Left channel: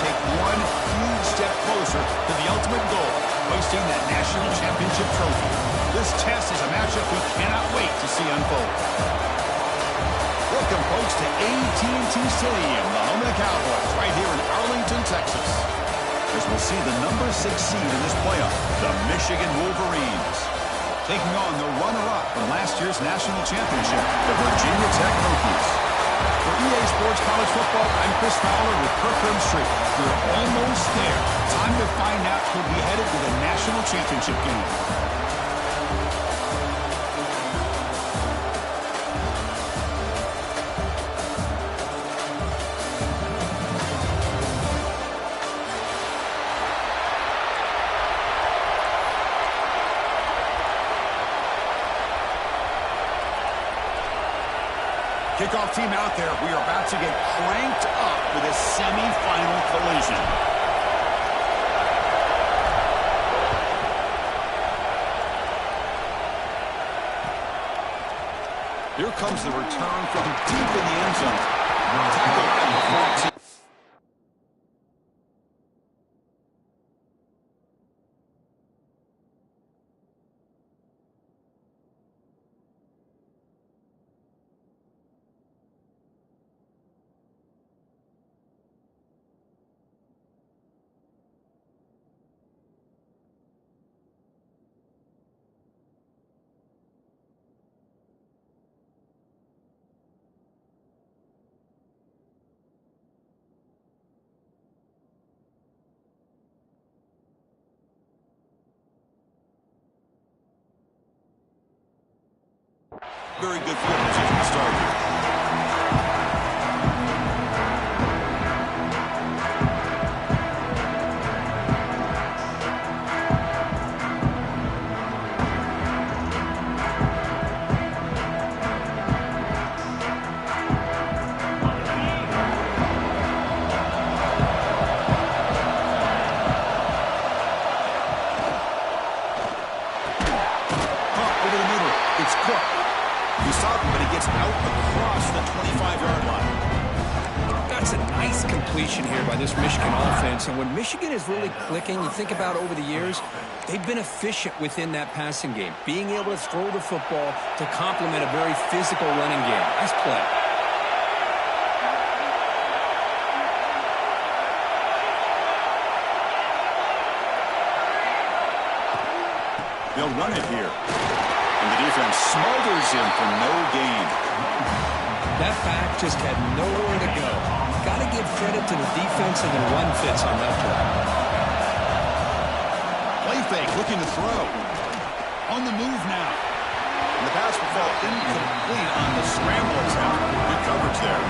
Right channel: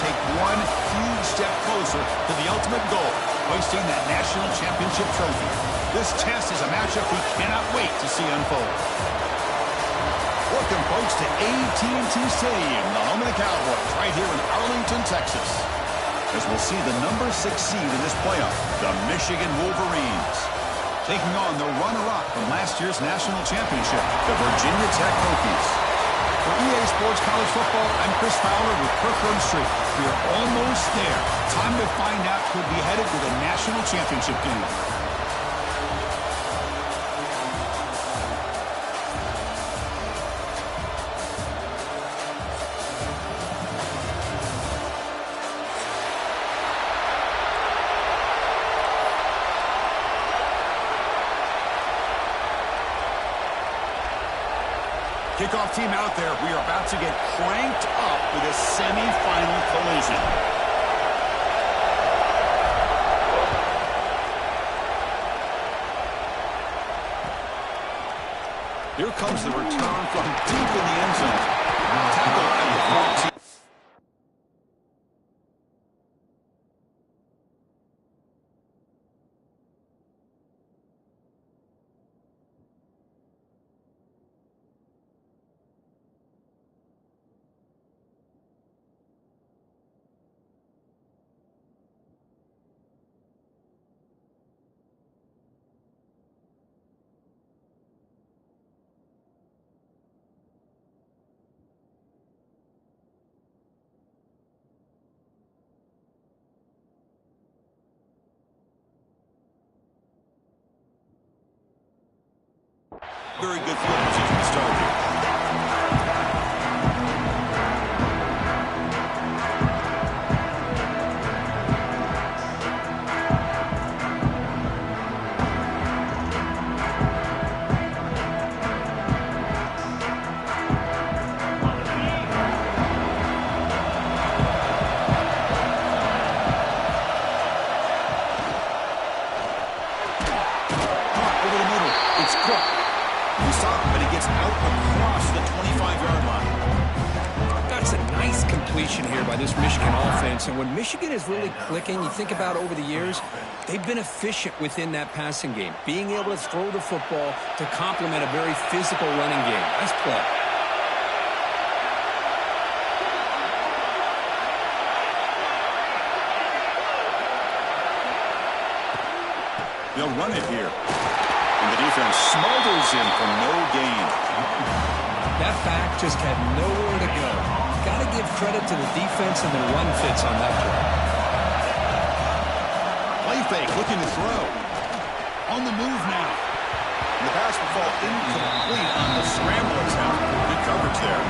take one huge step closer to the ultimate goal, hoisting that national championship trophy. This test is a matchup we cannot wait to see unfold. Welcome, folks, to AT&T Stadium, the home of the Cowboys, right here in Arlington, Texas. As we'll see the number 6 seed in this playoff, the Michigan Wolverines, taking on the runner-up from last year's national championship, the Virginia Tech Hokies. For EA Sports College Football, I'm Chris Fowler with Kirk Herbstreit. We're almost there. Time to find out who'll be headed to the national championship game. Kickoff team out there. We are about to get cranked up for this semi-final collision. Here comes the return from deep in the end zone. Tackle at the 14. Very good field position to start here. Caught over the middle. It's Cook. He's up, but he gets out across the 25-yard line. That's a nice completion here by this Michigan offense. And when Michigan is really clicking, you think about over the years, they've been efficient within that passing game, being able to throw the football to complement a very physical running game. Nice play. They'll run it here. And the defense smothers him for no gain. That back just had nowhere to go. Got to give credit to the defense and their run fits on that play. Play fake, looking to throw. On the move now. And the pass will fall incomplete on the scramble attempt. Good coverage there.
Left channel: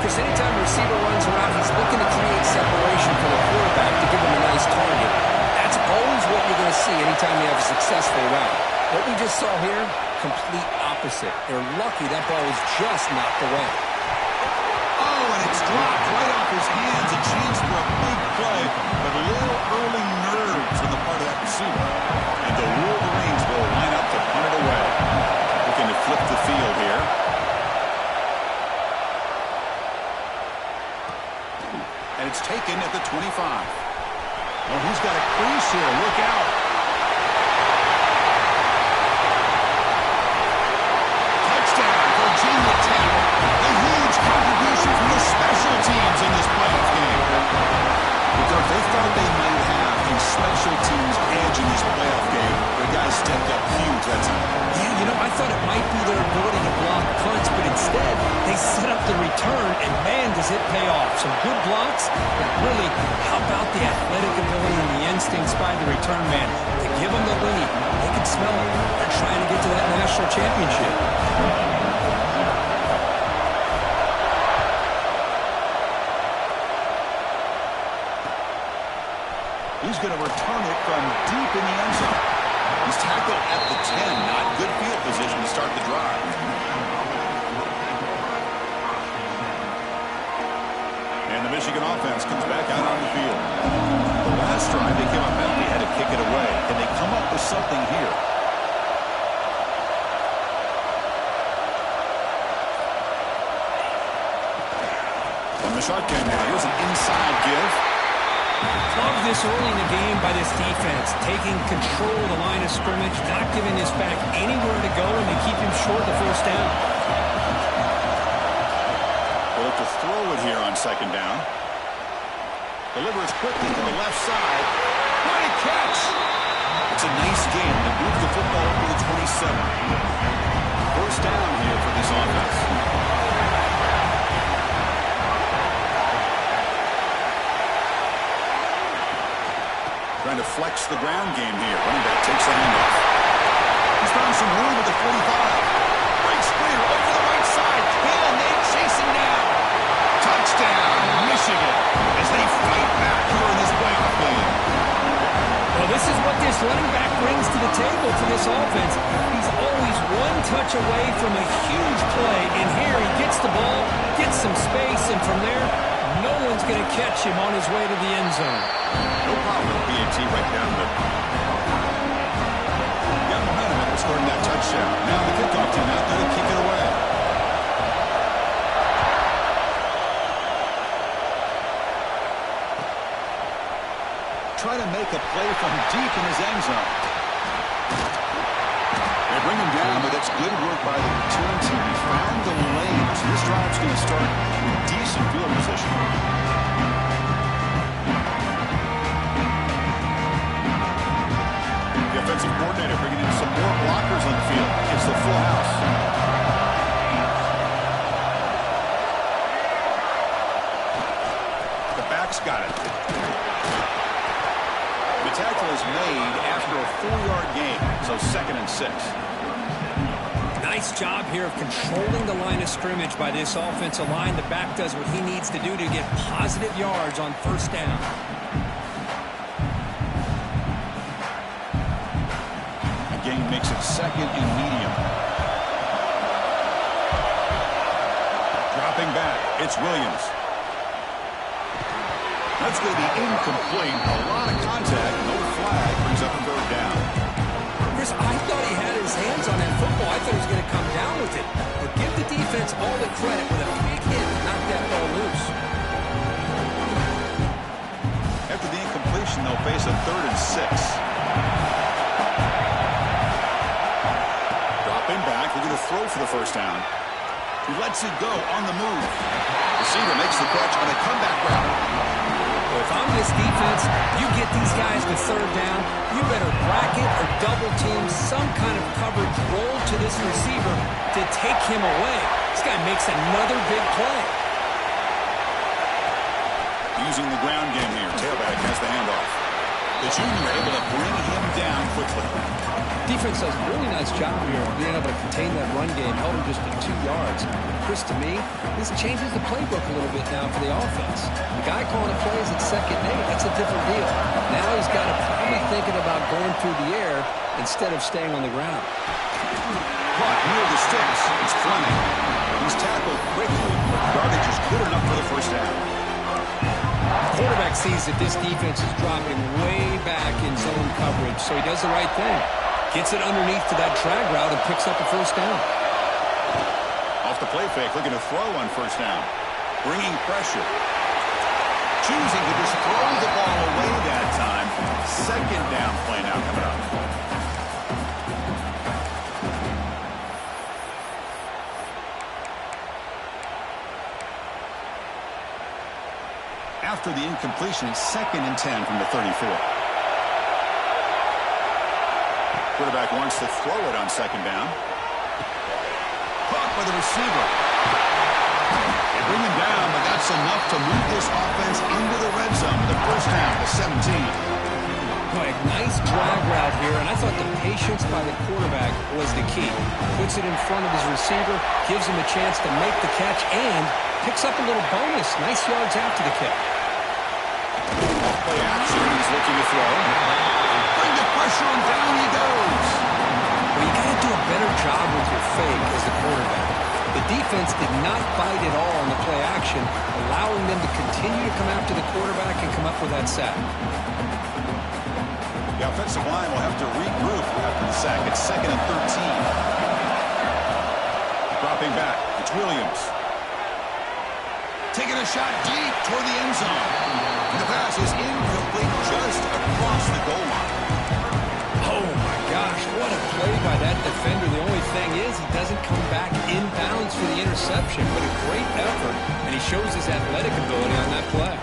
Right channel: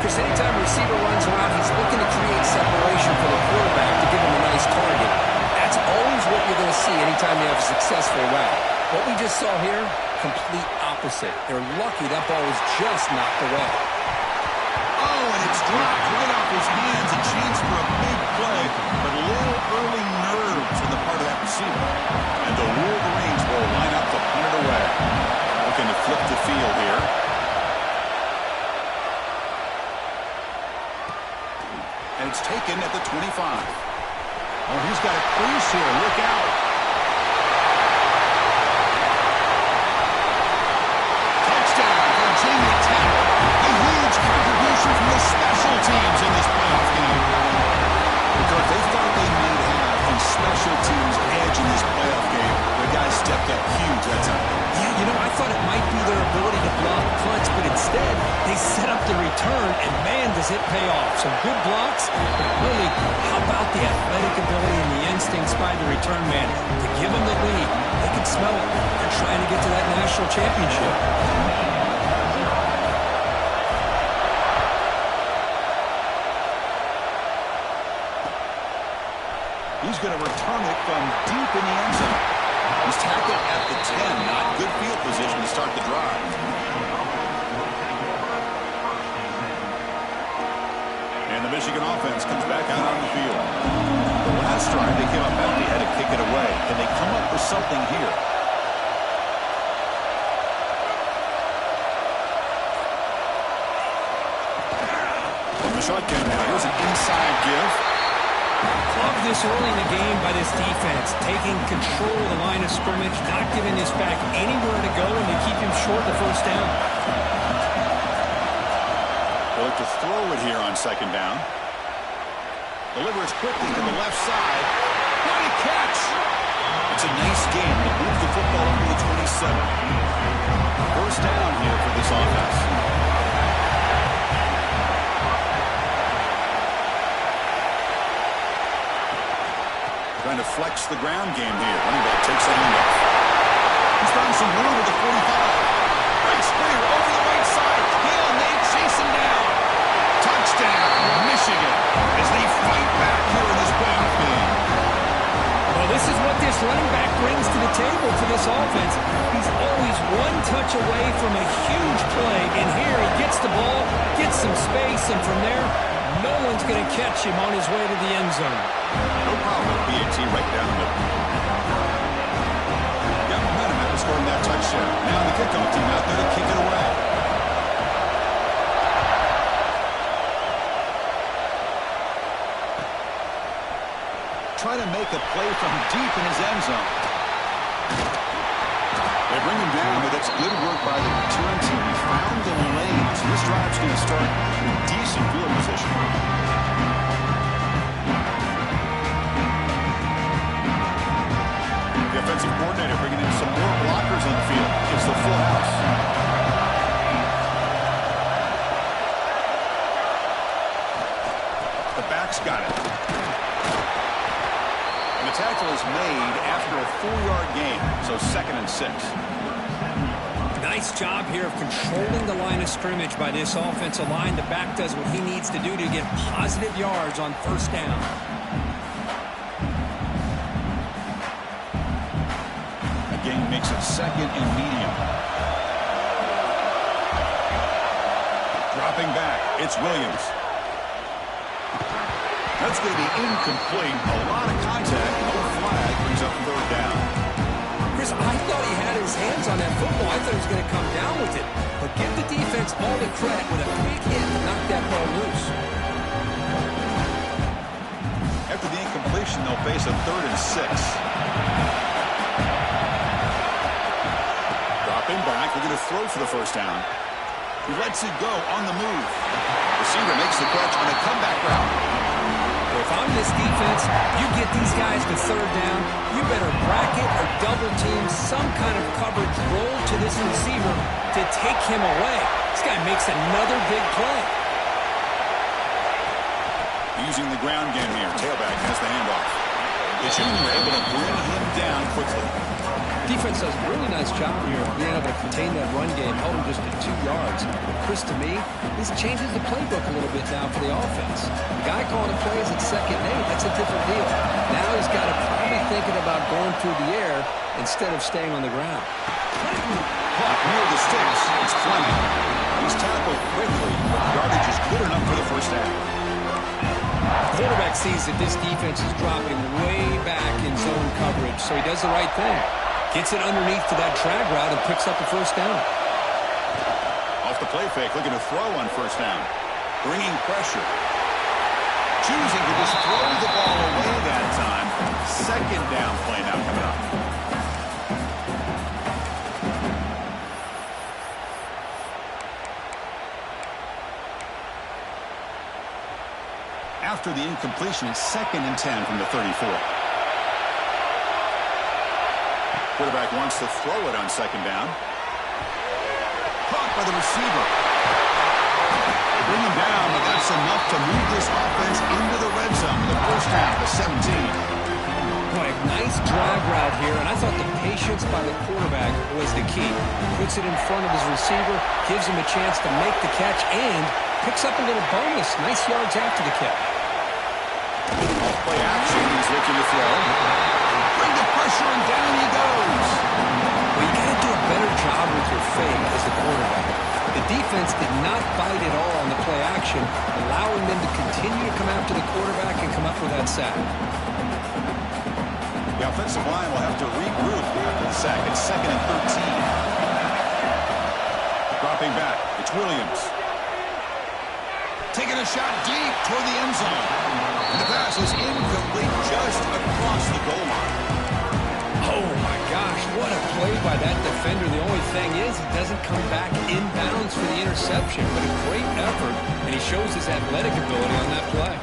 Chris, anytime a receiver runs around, he's looking to create separation for the quarterback to give him a nice target. That's always what you're going to see anytime you have a successful route. What we just saw here, complete opposite. They're lucky that ball was just knocked away. Oh, and it's dropped right off his hands. A chance for a big play, but a little early nerves on the part of that receiver. And the Wolverines will line up to punt it away. Looking to flip the field here. And it's taken at the 25. Oh, he's got a crease here. Look out. Touchdown, Virginia Tech. A huge contribution from the special teams in this playoff game. Because they thought they might have a special teams edge in this playoff game. The guys stepped up huge that time. Yeah, you know, I thought it might be their ability to block punts, but instead, they set up the return, and man, does it pay off. Some good blocks, but really, how about the athletic ability and the instincts by the return man to give them the lead? They can smell it. They're trying to get to that national championship. He's going to return it from deep in the end zone. He's tackled at the 10. Not good field position to start the drive. And the Michigan offense comes back out on the field. The last drive, they came up empty, had to kick it away. Can they come up with something here? A the shotgun now. Here's an inside give. Love this early in the game by this defense, taking control of the line of scrimmage, not giving this back anywhere to go, and they keep him short the first down. They'll look to throw it here on second down. Delivers quickly to the left side. What a catch! It's a nice game to move the football up to the 27. First down here for this offense. Trying to flex the ground game here. Running back takes a handoff. He's found some room at the 45. Breaks clear over the right side. Can they chase him down? Touchdown, Michigan, as they fight back here in this playoff game. Well, this is what this running back brings to the table for this offense. He's always one touch away from a huge play, and here he gets the ball, gets some space, and from there, no one's going to catch him on his way to the end zone. No problem with PAT right down the middle. Got momentum after scoring that touchdown. Now the kickoff team out there to kick it away. Try to make a play from deep in his end zone. They bring him down, but that's good work by the return team. He found the lane, so this drive's going to start in decent field position. The offensive coordinator bringing in some more blockers on the field. It's the full house. The back's got it. The tackle is made after a 4-yard gain, so 2nd and 6. Nice job here of controlling the line of scrimmage by this offensive line. The back does what he needs to do to get positive yards on first down. Again, makes it 2nd and medium. Dropping back, it's Williams. That's going to be incomplete. A lot of contact, no flag, brings up a 3rd down. Chris, I thought he had his hands on that football. I thought he was going to come down with it. But give the defense all the credit with a big hit to knock that ball loose. After the incompletion, they'll face a 3rd and 6. Dropping back, they're going to throw for the first down. He lets it go on the move. Receiver makes the catch on a comeback route. Well, if I'm this defense, you get these guys to 3rd down, you better bracket or double team some kind of coverage roll to this receiver to take him away. This guy makes another big play. Using the ground game here. Tailback has the handoff. The junior able to bring him down quickly. Defense does a really nice job here of being able to contain that run game, held him just at 2 yards. Chris, to me, this changes the playbook a little bit now for the offense. The guy calling the plays at 2nd and 8, that's a different deal. Now he's got to probably thinking about going through the air instead of staying on the ground. Caught near the sticks. It's Fleming. He's tackled quickly, but yardage is good enough for the first down. Quarterback sees that this defense is dropping way back in zone coverage, so he does the right thing. Gets it underneath to that drag route and picks up a first down. Off the play fake, looking to throw on first down. Bringing pressure. Choosing to just throw the ball away that time. 2nd down play now coming up. After the incompletion, it's 2nd and 10 from the 34. Quarterback wants to throw it on 2nd down. Caught by the receiver. They bring him down, but that's enough to move this offense into the red zone with a first down to 17. Boy, nice drag route here, and I thought the patience by the quarterback was the key. Puts it in front of his receiver, gives him a chance to make the catch, and picks up a little bonus. Nice yards after the catch. Off play action, he's looking to throw. Bring the pressure, and down he goes. Well, you got to do a better job with your fake as the quarterback. The defense did not bite at all on the play action, allowing them to continue to come after the quarterback and come up with that sack. The offensive line will have to regroup after the sack. It's 2nd and 13. Dropping back, it's Williams. taking a shot deep toward the end zone. And the pass is incomplete just across the goal line. Oh, my gosh, what a play by that defender. The only thing is he doesn't come back inbounds for the interception, but a great effort, and he shows his athletic ability on that play.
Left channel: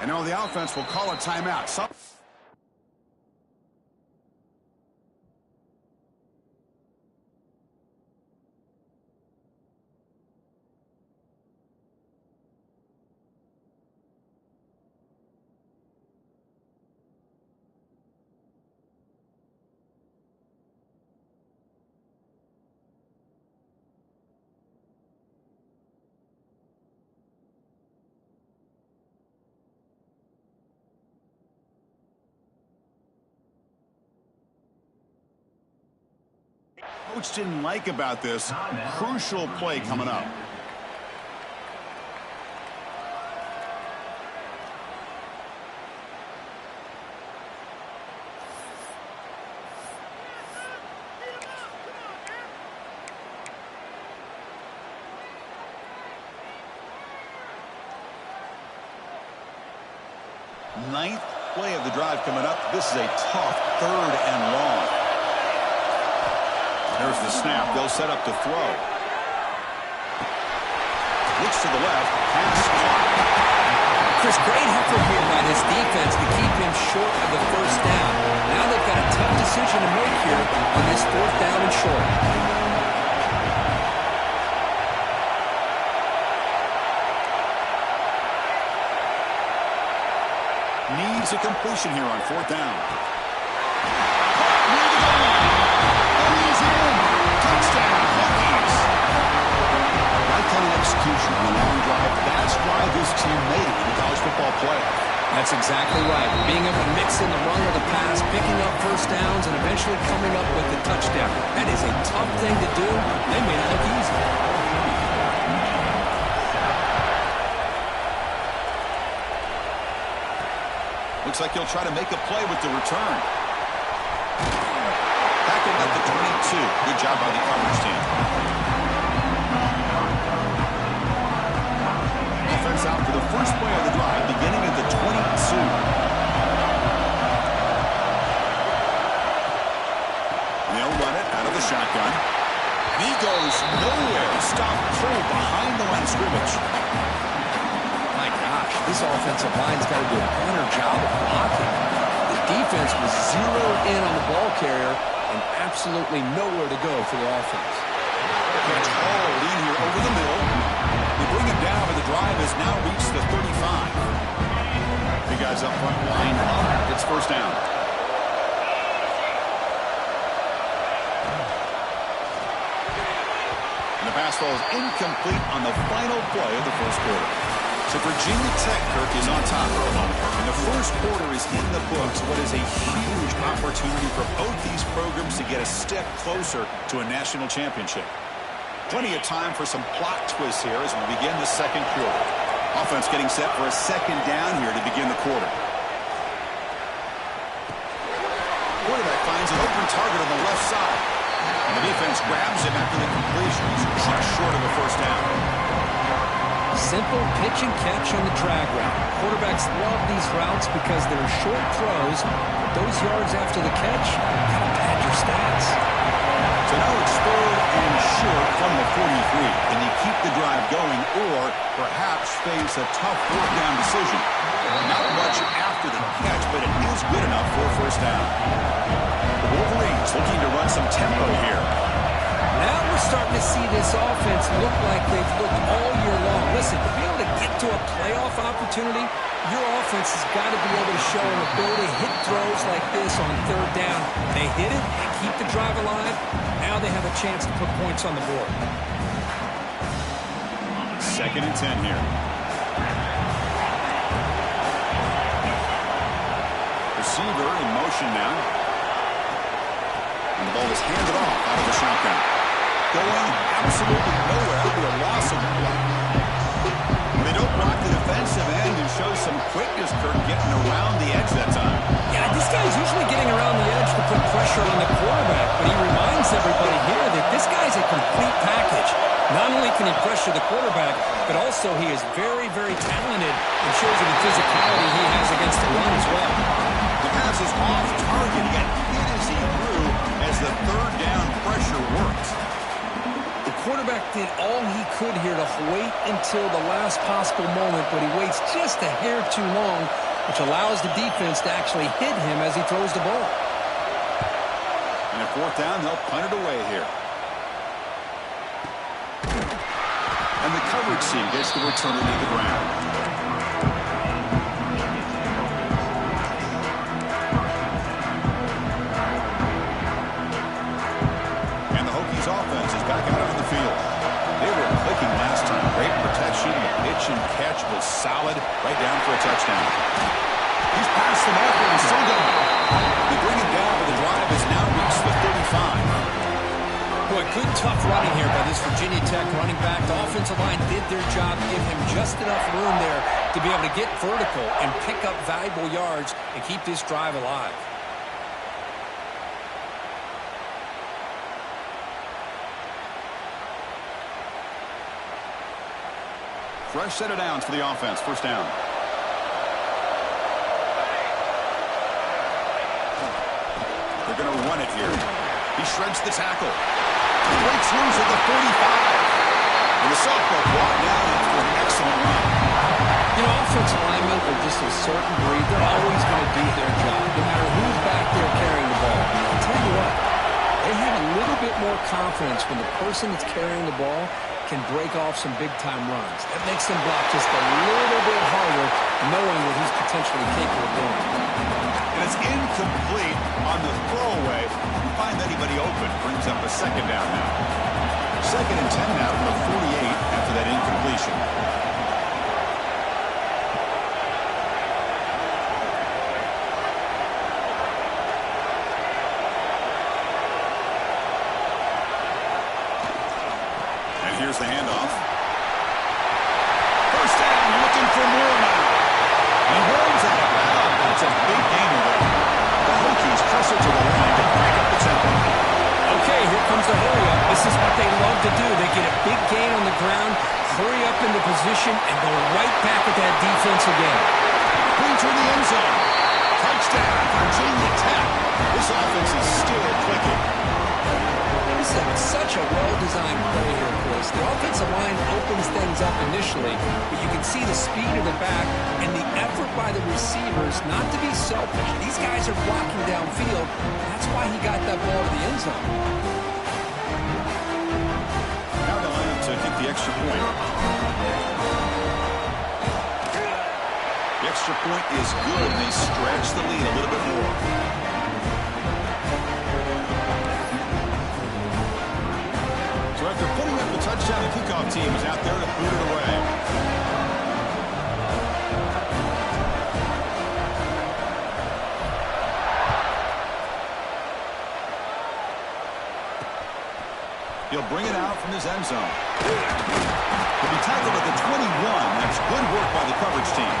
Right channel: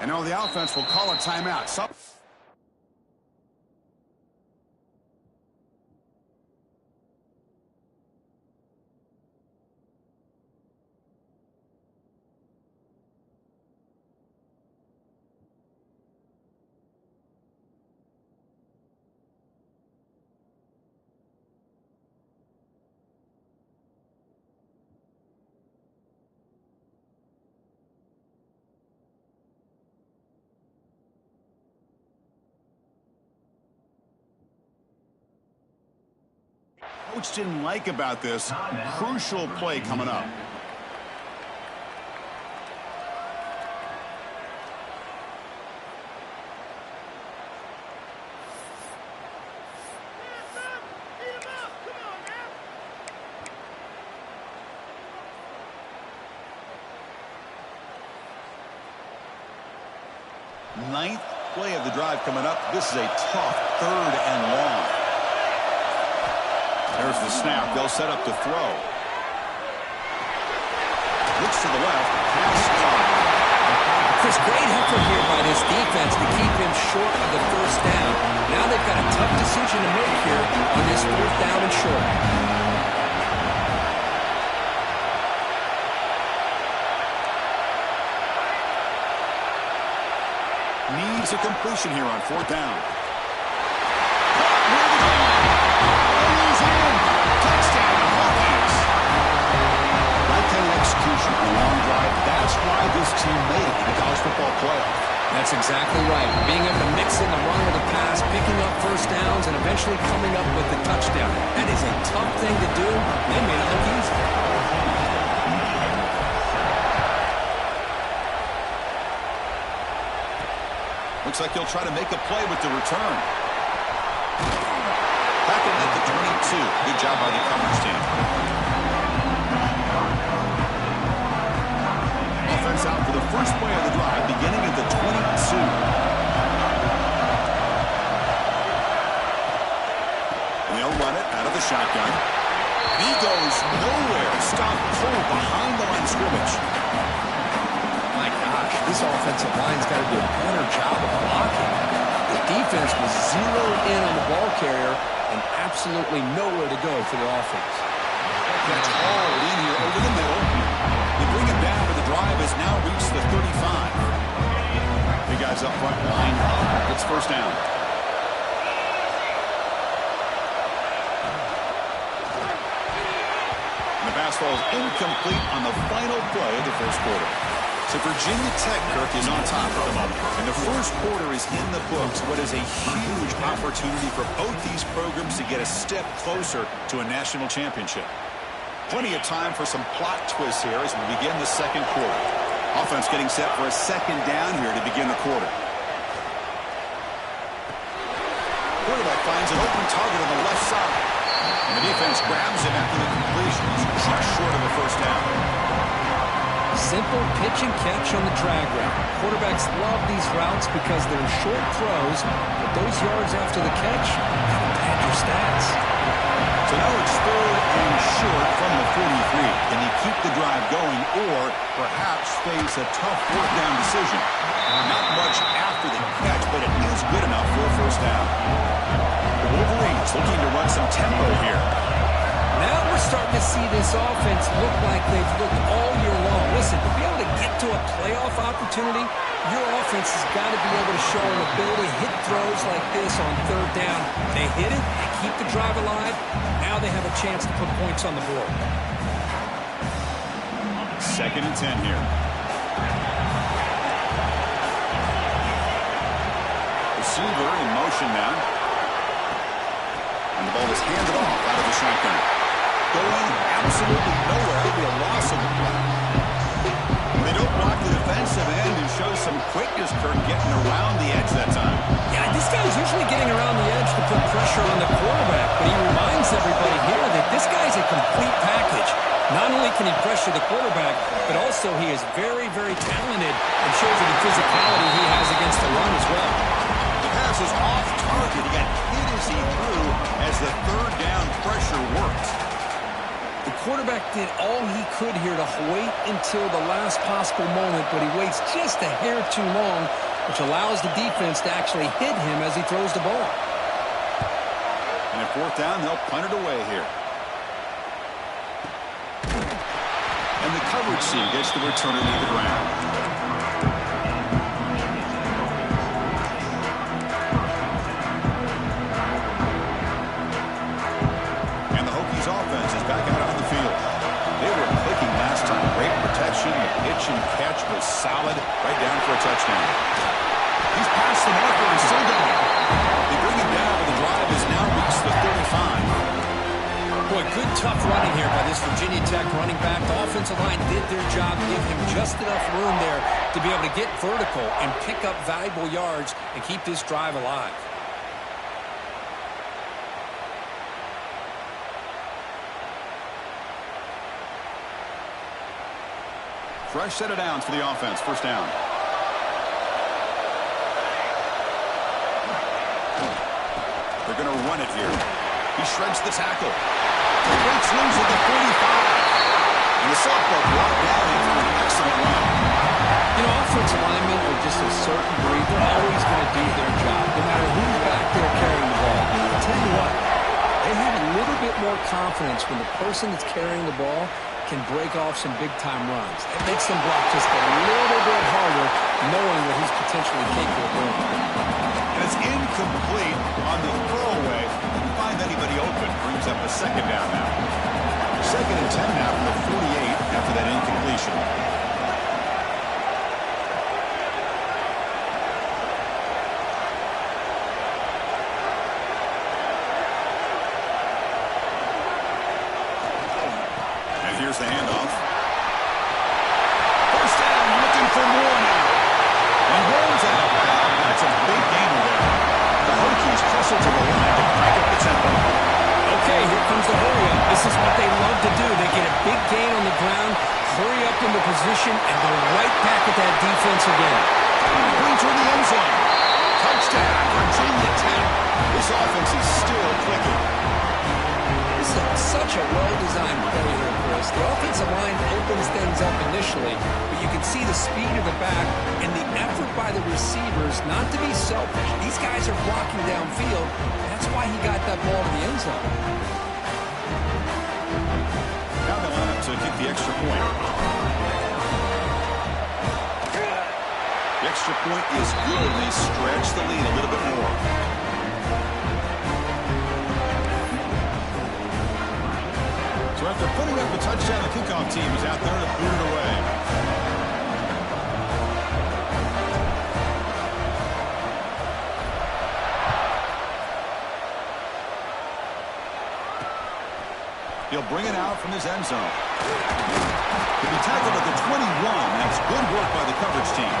And now the offense will call a timeout. Coach didn't like about this. Crucial play coming up. Ninth play of the drive coming up. This is a tough 3rd and long. There's the snap. They'll set up to throw. Looks to the left. Pass caught. Chris, great effort here by this defense to keep him short of the first down. Now they've got a tough decision to make here on this 4th down and short. Needs a completion here on 4th down. Caught near the goal line. And he's in. Touchdown, Hokies. Right kind of execution on a long drive. That's why this team made it to the college football playoff. That's exactly right. Being able to mix in the run with the pass, picking up first downs, and eventually coming up with the touchdown. That is a tough thing to do. They made it look easy. Looks like he'll try to make a play with the return. Tackled at the 22. Good job by the coverage team. Offense out for the first play of the drive, beginning at the 22. And they'll run it out of the shotgun. And he goes nowhere. Stop pulled behind the line of scrimmage. My gosh, this offensive line's got to do a better job of blocking. The defense was zeroed in on the ball carrier and absolutely nowhere to go for the offense. Catch hauled in here over the middle. They bring him down, but the drive has now reached the 35. The guys up front line up. It's first down. And the pass ball is incomplete on the final play of the first quarter. So Virginia Tech, Kirk, is on top at the moment. And the first quarter is in the books. What is a huge opportunity for both these programs to get a step closer to a national championship. Plenty of time for some plot twists here as we begin the second quarter. Offense getting set for a second down here to begin the quarter. Quarterback finds an open target on the left side. And the defense grabs him after the completion. He's just short of the first down. Simple pitch and catch on the drag route. Quarterbacks love these routes because they're short throws, but those yards after the catch kind of pad your stats. So now it's 3rd and short from the 43. Can they keep the drive going or perhaps face a tough 4th down decision? Not much after the catch, but it is good enough for a first down. The Wolverines looking to run some tempo here. Now we're starting to see this offense look like they've looked all year long. Listen, to be able to get to a playoff opportunity, your offense has got to be able to show an ability to hit throws like this on 3rd down. They hit it, they keep the drive alive. Now they have a chance to put points on the board. 2nd and 10 here. Receiver in motion now. And the ball is handed off out of the shotgun. Going absolutely nowhere. That would be a loss of the block. When they don't block the defensive end and show some quickness, Kirk, getting around the edge that time. Yeah, this guy's usually getting around the edge to put pressure on the quarterback, but he reminds everybody here that this guy's a complete package. Not only can he pressure the quarterback, but also he is very, very talented and shows you the physicality he has against the run as well. The pass is off target. He got hit as he threw as the third down pressure worked. The quarterback did all he could here to wait until the last possible moment, but he waits just a hair too long, which allows the defense to actually hit him as he throws the ball. And at fourth down, they'll punt it away here. And the coverage team gets the returner to the ground. And the Hokies offense is back out on the field. They were clicking last time. Great protection. The pitch and catch was solid. Right down for a touchdown. He's past the marker and still going. They bring him down, but the drive has now reached the 35. Boy, good tough running here by this Virginia Tech running back. The offensive line did their job, give him just enough room there to be able to get vertical and pick up valuable yards and keep this drive alive. Fresh set of downs for the offense. First down. They're going to run it here. He shreds the tackle. Breaks loose at the 45. And the sophomore brought down after an excellent run. You know, offensive linemen are just a certain breed. They're always going to do their job, no matter who's back there carrying the ball. I'll tell you what, they have a little bit more confidence when the person that's carrying the ball can break off some big-time runs. That makes them block just a little bit harder, knowing what he's potentially capable of doing. And it's incomplete on the throwaway. Didn't find anybody open. Brings up a second down now. Second and 10 now from the 48 after that incompletion. And here's the handoff. First down, looking for more now. He rolls out of bounds. That's a big gainer there. The Hokies hustle to the line to crank up the tempo. Okay, here comes the hurry up. This is what they love to do. They get a big gain on the ground, hurry up into position, and go right back at that defense again. Brings her in the end zone. Touchdown, Virginia Tech. This offense is still clicking. This is such a well-designed play here, Chris. The offensive line opens things up initially, but you can see the speed of the back and the effort by the receivers not to be selfish. These guys are blocking downfield. That's why he got that ball to the end zone. Now they'll line up to kick the extra point. The extra point is good, and they stretch the lead a little bit more. So after putting up a touchdown, the kickoff team is out there to boot it away. He'll bring it out from his end zone. He'll be tackled at the 21. That's good work by the coverage team.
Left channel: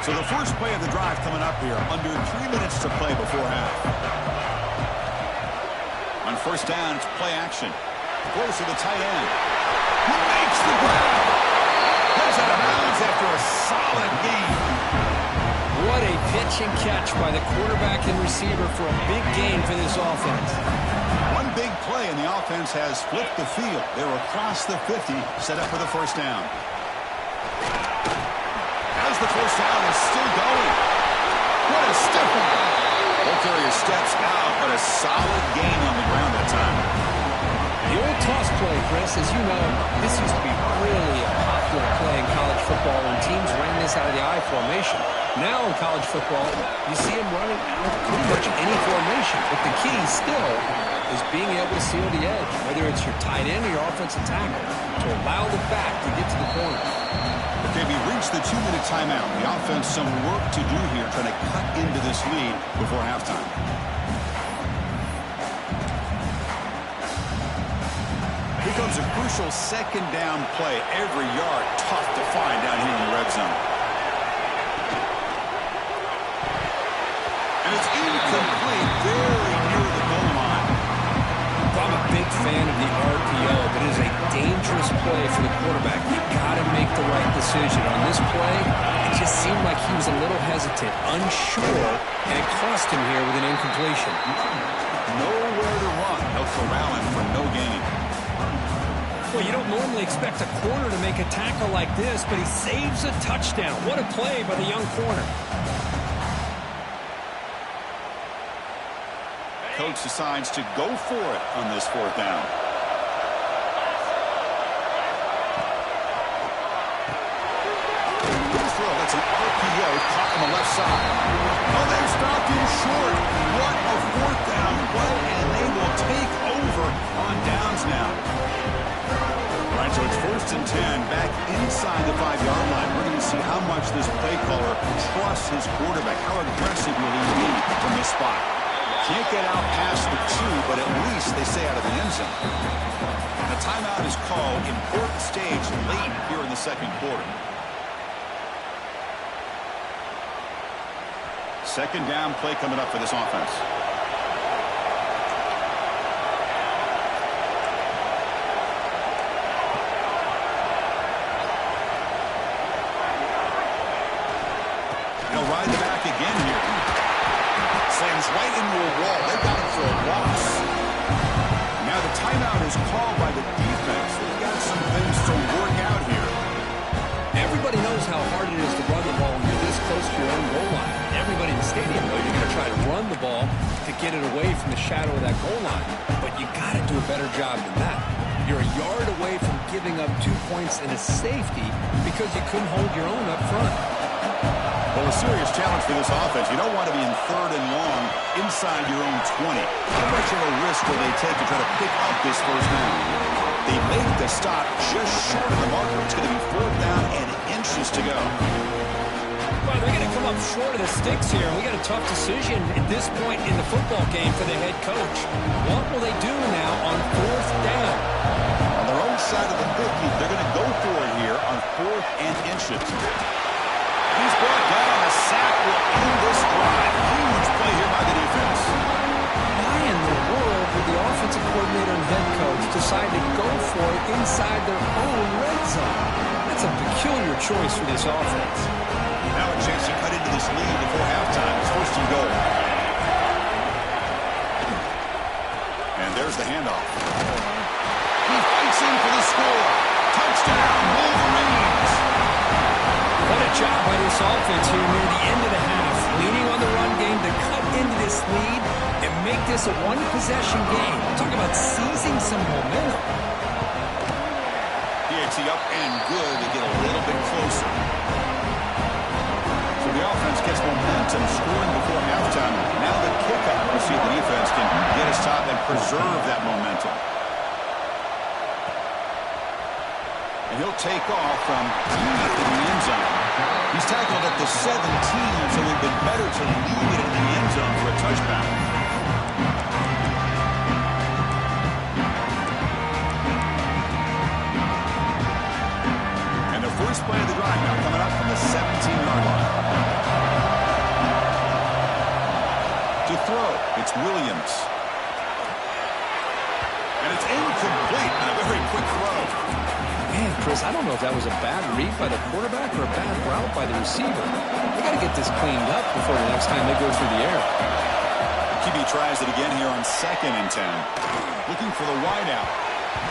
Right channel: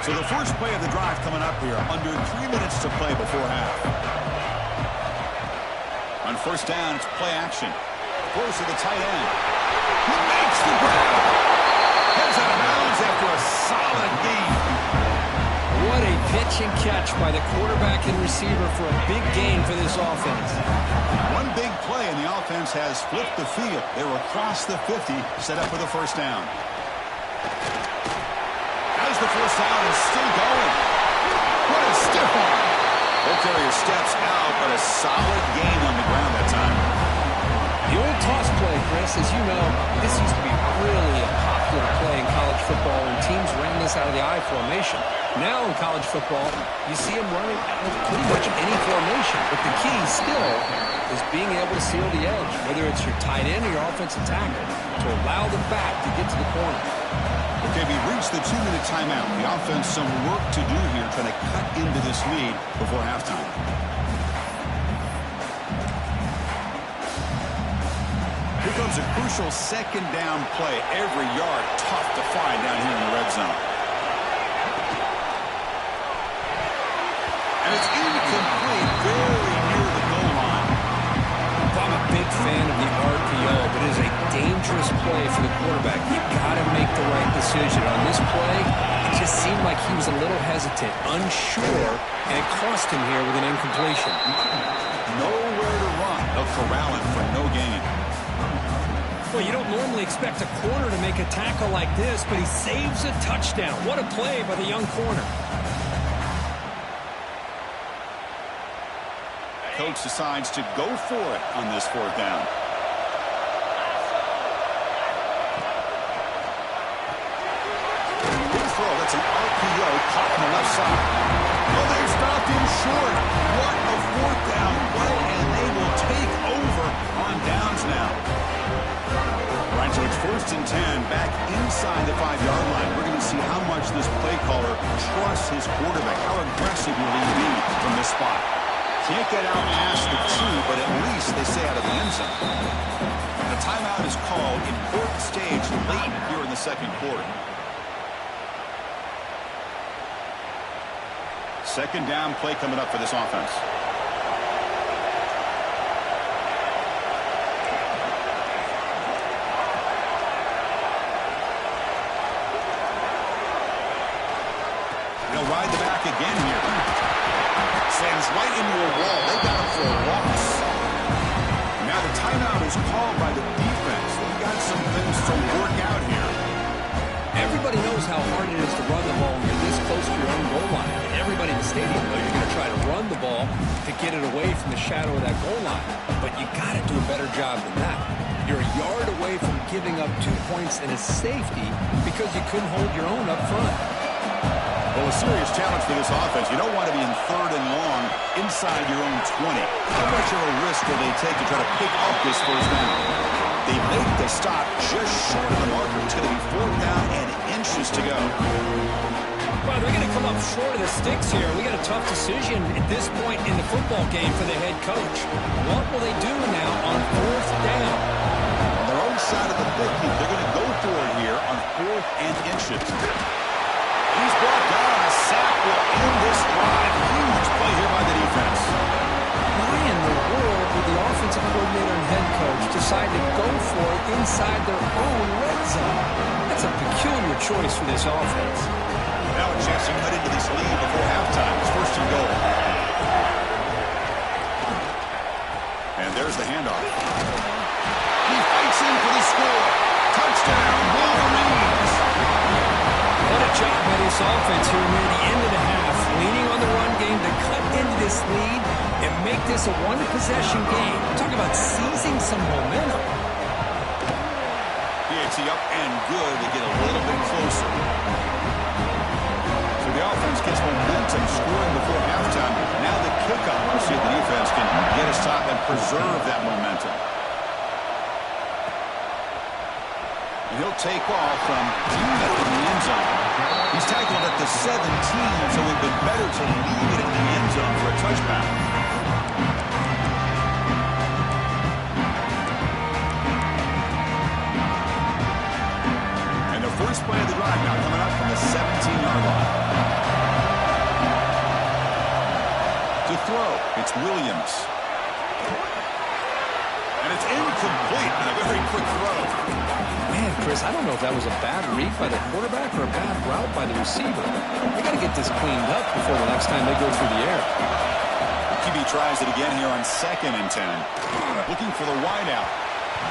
So the first play of the drive coming up here, under 3 minutes to play before half. On first down, it's play action. Close to the tight end. He makes the grab. Heads out of bounds after a solid gain. What a pitch and catch by the quarterback and receiver for a big gain for this offense. One big play, and the offense has flipped the field. They were across the 50, set up for the first down. As the first down is still going. What a stiff arm. Ball carrier steps out, but a solid gain on the ground that time. The old toss play, Chris, as you know, this used to be really a popular play in college football, and teams ran this out of the I formation. Now in college football, you see them running out of pretty much any formation, but the key still is being able to seal the edge, whether it's your tight end or your offensive tackle, to allow the back to get to the corner. Okay, we reached the 2-minute timeout. The offense some work to do here, trying to cut into this lead before halftime. Here comes a crucial second down play. Every yard tough to find down here in the red zone. And it's incomplete, very near the goal line. I'm a big fan of the RPO, but it is a dangerous play for the quarterback. You got to make the right decision. On this play, it just seemed like he was a little hesitant, unsure, and it cost him here with an incompletion. Nowhere to run. They'll corral him for no gain. Well, you don't normally expect a corner to make a tackle like this, but he saves a touchdown. What a play by the young corner. Coach decides to go for it on this 4th down. Good throw. That's an RPO caught on the left side. Oh, they've stopped him short. What a 4th down play, and they will take over on downs now. All right, so it's 1st and 10 back inside the 5-yard line. We're going to see how much this play caller trusts his quarterback. How aggressive will he be from this spot? Can't get out past the 2, but at least they stay out of the end zone. And a timeout is called. Important stage late here in the 2nd quarter. 2nd down play coming up for this offense. They'll ride the back again here. Slams right into a wall. They got him for a loss. Now the timeout is called by the defense. They've got some things to work out here. Everybody knows how hard it is to run the ball when you're this close to your own goal line. Everybody in the stadium knows you're going to try to run the ball to get it away from the shadow of that goal line. But you got to do a better job than that. You're a yard away from giving up 2 points and a safety because you couldn't hold your own up front. Well, a serious challenge for this offense. You don't want to be in 3rd and long inside your own 20. How much of a risk will they take to try to pick up this 1st down? They make the stop just short of the marker. It's going to be 4th down and inches to go. Well, they're going to come up short of the sticks here. We got a tough decision at this point in the football game for the head coach. What will they do now on 4th down? On their own side of the 50, they're going to go for it here on 4th and inches. He's brought down. A sack will end this drive. Huge play here by the defense. Why in the world would the offensive coordinator and head coach decide to go for it inside their own red zone? That's a peculiar choice for this offense. Now a chance to cut into this lead before halftime. It's 1st and goal. And there's the handoff. He fights in for the score. Touchdown, Wolverines. What a job by this offense here near the end of the half, leaning on the run game to cut into this lead and make this a one-possession game. Talk about seizing some momentum. PAT up and good. They get a little bit closer. So the offense gets momentum, scoring before halftime. Now the kickoff. We'll see if the defense can get a stop and preserve that momentum. And he'll take off from deep in the end zone. He's tackled at the 17, so it would have been better to leave it in the end zone for a touchdown. And the first play of the drive now coming up from the 17-yard line. To throw, it's Williams. And it's incomplete on a very quick throw. Man, Chris, I don't know if that was a bad read by the quarterback or a bad route by the receiver. They got to get this cleaned up before the next time they go through the air. The QB tries it again here on 2nd and 10. Looking for the wideout.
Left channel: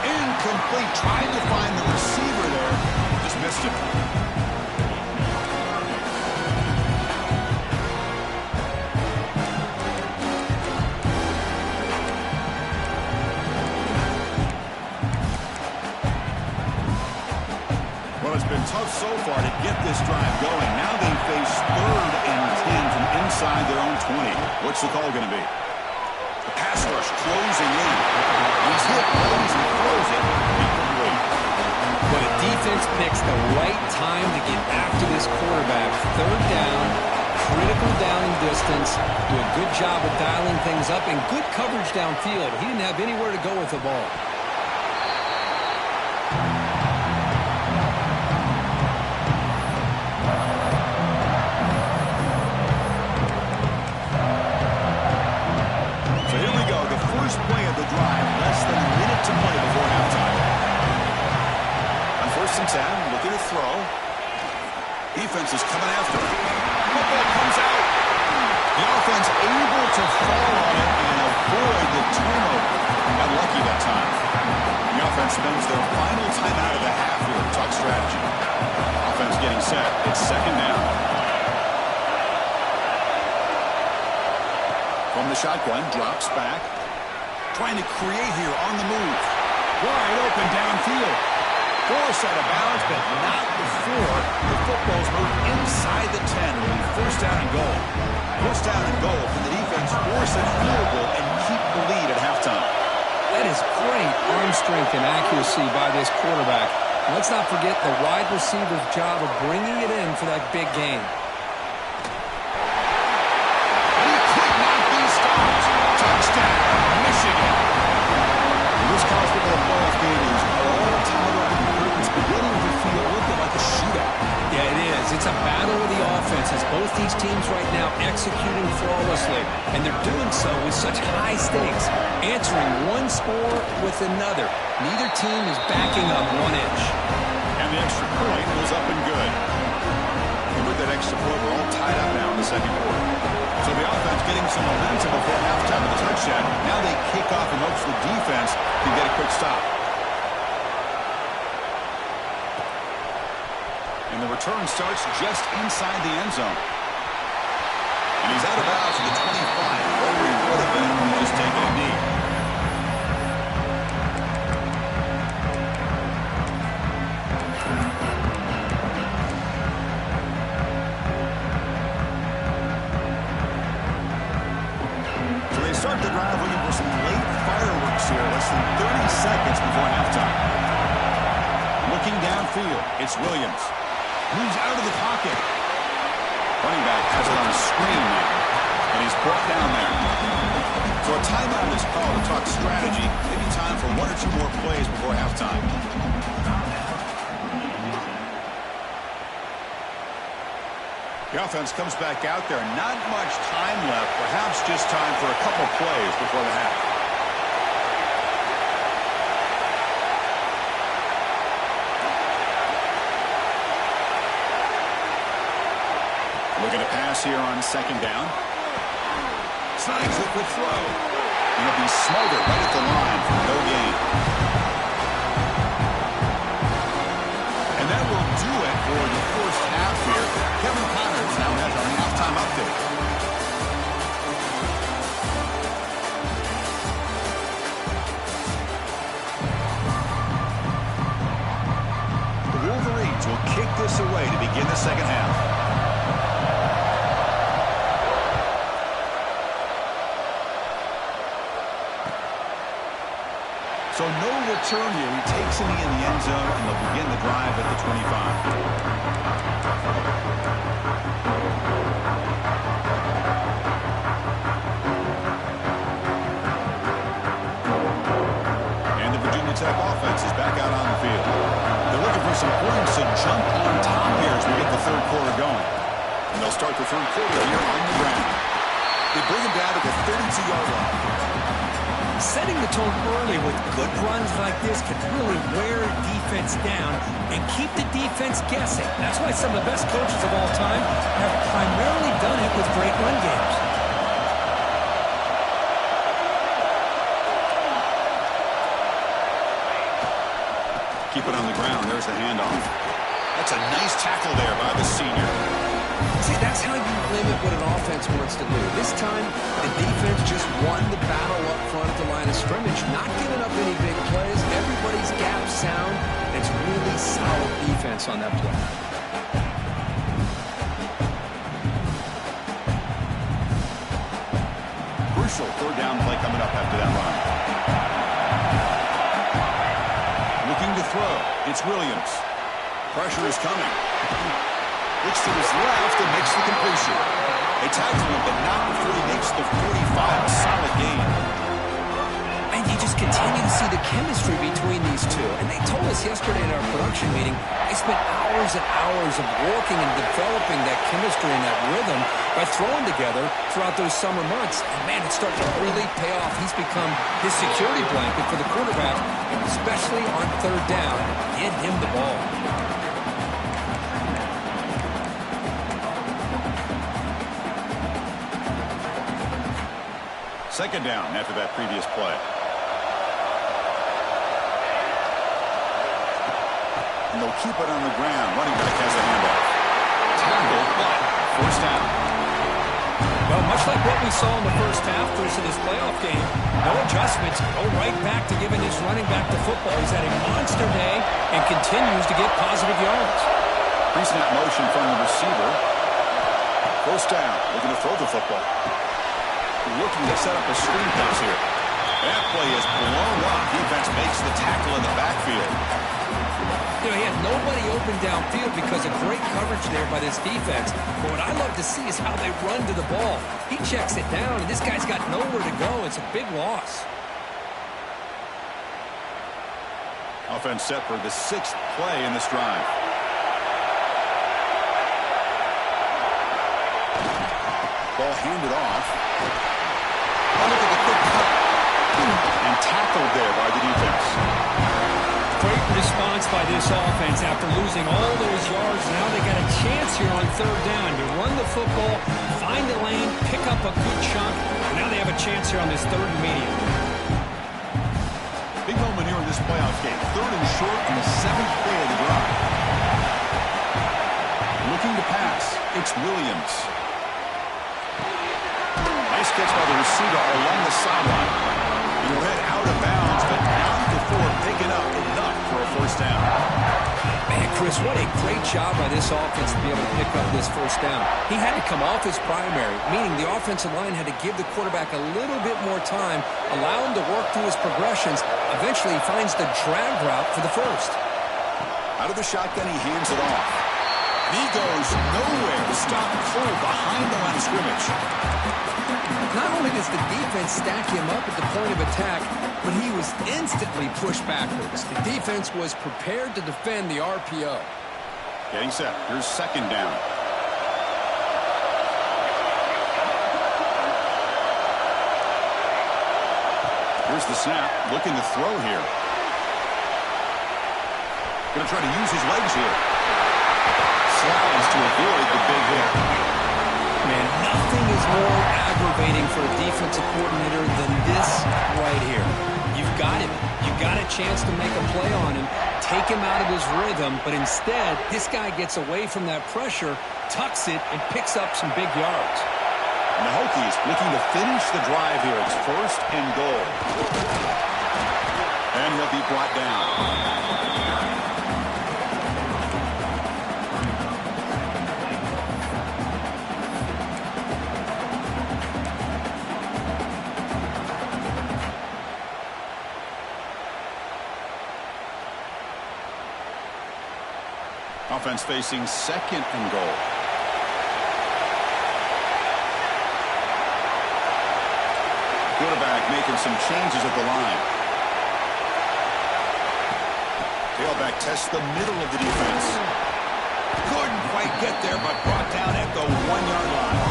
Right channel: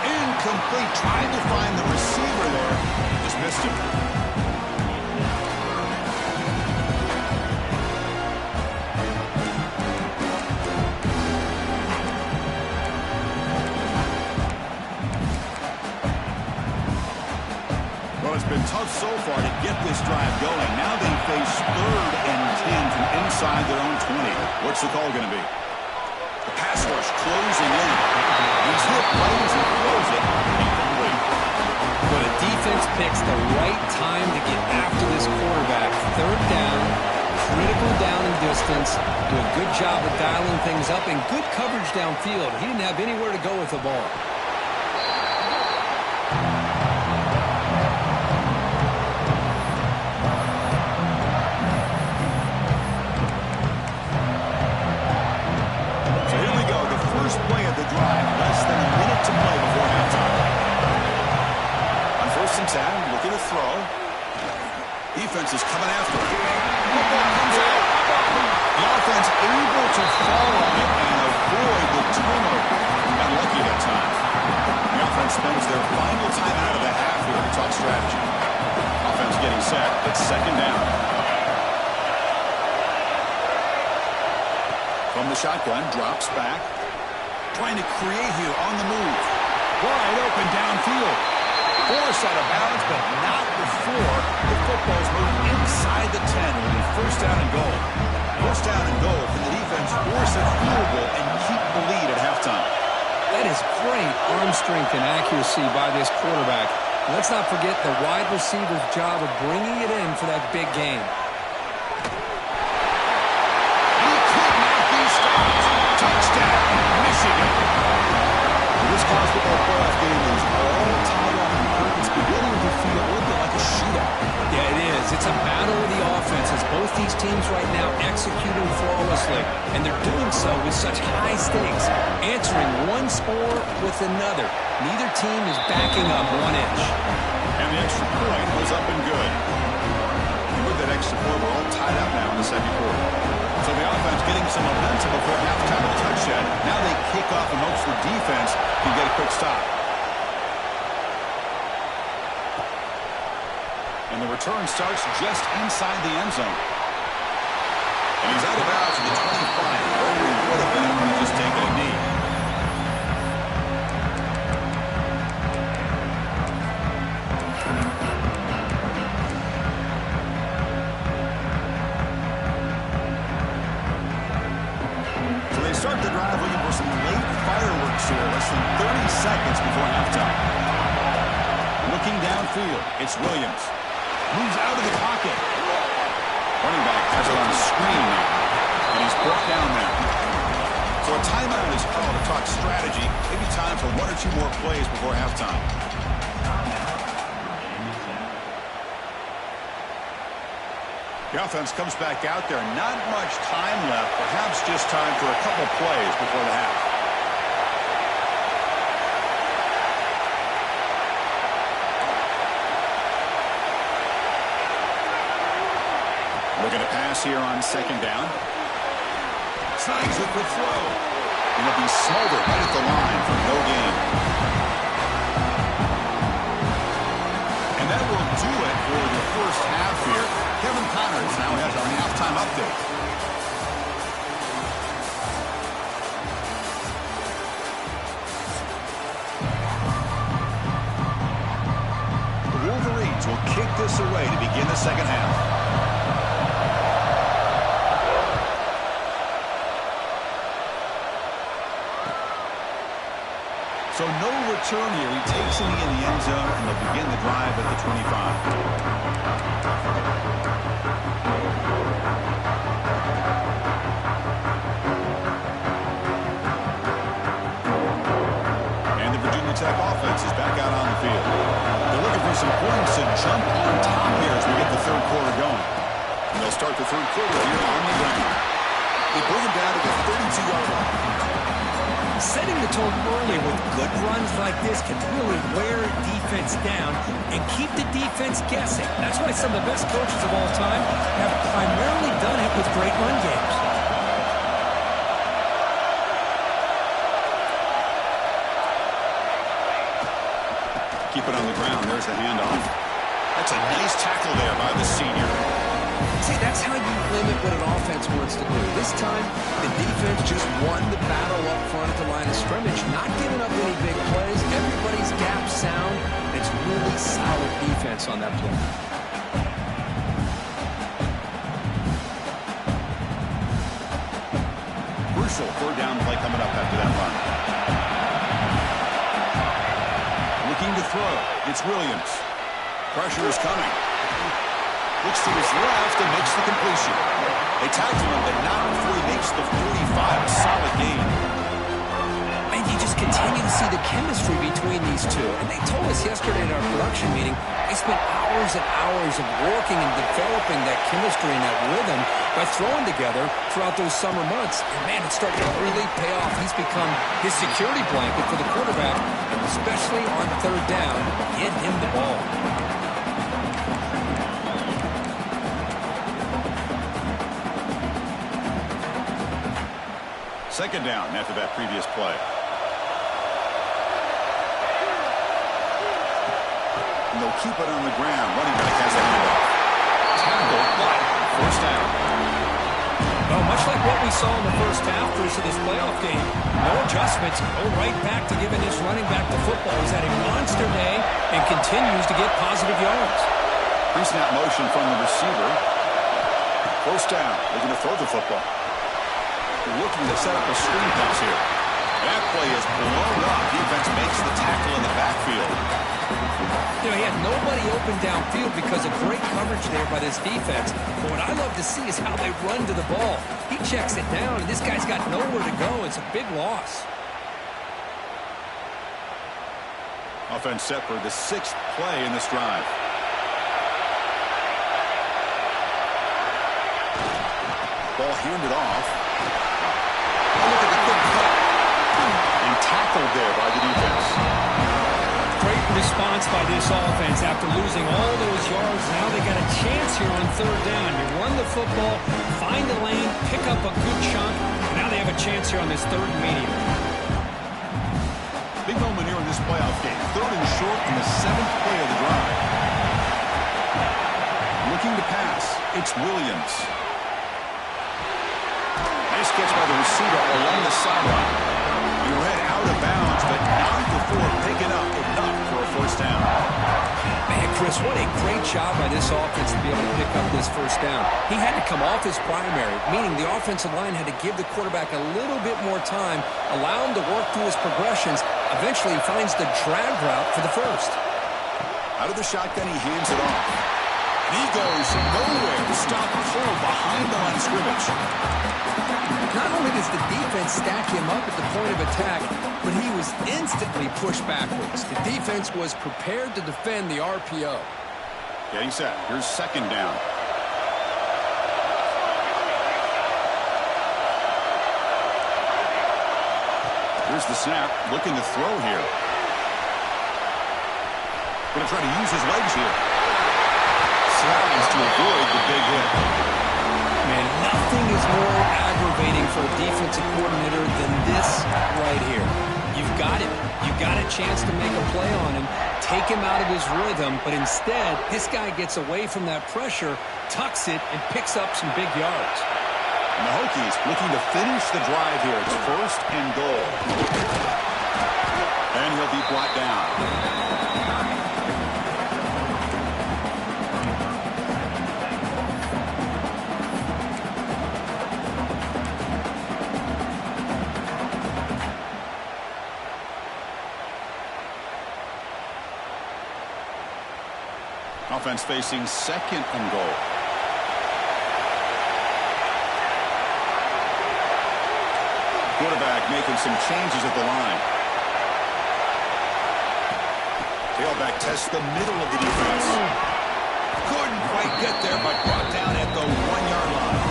Incomplete. Tried to find the receiver there. Just missed him. It's been tough so far to get this drive going. Now they face 3rd and 10 from inside their own 20. What's the call going to be? The pass rush closing in. He's hit right as he throws it. Incomplete. Well, the defense picks the right time to get after this quarterback. Third down, critical down and distance. Do a good job of dialing things up and good coverage downfield. He didn't have anywhere to go with the ball. So here we go, the first play of the drive, less than a minute to play before halftime. On 1st and 10, looking to throw. Defense is coming after him. Football comes out. The offense able to fall on it and avoid the turnover. Got lucky that time. The offense spends their final time out of the half here to talk strategy. Offense getting set. It's 2nd down. From the shotgun, drops back. Trying to create here on the move. Wide open downfield. Forced out of bounds, but not before the football's moved inside the 10. It'll be 1st down and goal. 1st down and goal. Can the defense force a field goal and keep the lead at halftime? That is great arm strength and accuracy by this quarterback. Let's not forget the wide receiver's job of bringing it in for that big game. And he could not be stopped. Touchdown, Michigan. This college football playoff game is all tied up in the curtains, beginning to feel a little bit like a shootout. Yeah, it is. It's a battle of the offenses. Both these teams right now executing flawlessly, and they're doing so with such high stakes, answering one score with another. Neither team is backing up 1 inch. And the extra point was up and good. And with that extra point, we're all tied up now in the 2nd quarter. So the offense getting some momentum before halftime with a touchdown. Now they kick off in hopes the defense can get a quick stop. And the return starts just inside the end zone. And he's out of bounds at the 25, where he would have been if he just taken a knee. Start the drive looking for some late fireworks here. Less than 30 seconds before halftime. Looking downfield, it's Williams. Moves out of the pocket. Running back has it on the screen now. And he's brought down there. So a timeout is called to talk strategy. Maybe time for 1 or 2 more plays before halftime. The offense comes back out there. Not much time left. Perhaps just time for a couple plays before the half. Looking to pass here on 2nd down. Snags it with throw. And it'll be smothered right at the line for no gain. And that will do it for the first half here. Kevin Connors now has our halftime update. The Wolverines will kick this away to begin the 2nd half. So no return here. He takes it in the end zone, and they'll begin the drive at the 25. And the Virginia Tech offense is back out on the field. They're looking for some points to jump on top here as we get the 3rd quarter going. And they'll start the 3rd quarter here on the ground. They bring him down to the 32-yard line. Setting the tone early with good runs like this can really wear defense down and keep the defense guessing. That's why some of the best coaches of all time have primarily done it with great run games. Keep it on the ground. There's the handoff. That's a nice tackle there by the senior. See, that's how you limit what an offense wants to do. This time, the defense just won the battle up front at the line of scrimmage, not giving up any big plays. Everybody's gap sound. It's really solid defense on that play. Crucial 3rd down play coming up after that run. Looking to throw. It's Williams. Pressure is coming. Looks to his left and makes the completion. They tackle him, but not before he makes the 45. A solid gain. And you just continue to see the chemistry between these two. And they told us yesterday in our production meeting, they spent hours and hours of working and developing that chemistry and that rhythm by throwing together throughout those summer months. And, man, it's starting to really pay off. He's become his security blanket for the quarterback, and especially on third down, get him the ball. Second down after that previous play. And they'll keep it on the ground. Running back has a handoff. Tackle, but first down. Well, much like what we saw in the first half of this playoff game, no adjustments. Go right back to giving his running back the football. He's had a monster day and continues to get positive yards. Pre-snap motion from the receiver. First down. Looking to throw the football. Looking to set up a screen pass here. That play is blown up. Defense makes the tackle in the backfield. You know, he had nobody open downfield because of great coverage there by this defense. But what I love to see is how they run to the ball. He checks it down, and this guy's got nowhere to go. It's a big loss. Offense set for the 6th play in this drive. Ball handed off. Oh, look at the quick cut. And tackled there by the defense. Great response by this offense after losing all those yards. Now they got a chance here on third down. You run the football, find the lane, pick up a good chunk, and now they have a chance here on this third and medium. Big moment here in this playoff game. Third and short on the 7th play of the drive. Looking to pass. It's Williams. Nice catch by the receiver along the sideline. He'll head out of bounds, but not before picking up enough for a first down. Man, Chris, what a great job by this offense to be able to pick up this first down. He had to come off his primary, meaning the offensive line had to give the quarterback a little bit more time, allow him to work through his progressions. Eventually, he finds the drag route for the first. Out of the shotgun, he hands it off. And he goes nowhere to stop Cole behind the line of scrimmage. Not only does the defense stack him up at the point of attack, but he was instantly pushed backwards. The defense was prepared to defend the RPO. Getting set. Here's second down. Here's the snap. Looking to throw here. Going to try to use his legs here. Slides to avoid the big hit. Man, nothing is more aggravating for a defensive coordinator than this right here. You've got him. You've got a chance to make a play on him, take him out of his rhythm, but instead, this guy gets away from that pressure, tucks it, and picks up some big yards. And the Hokies looking to finish the drive here. It's first and goal. And he'll be brought down. Offense facing second and goal. Quarterback making some changes at the line. Tailback tests the middle of the defense. Couldn't quite get there, but brought down at the 1-yard line.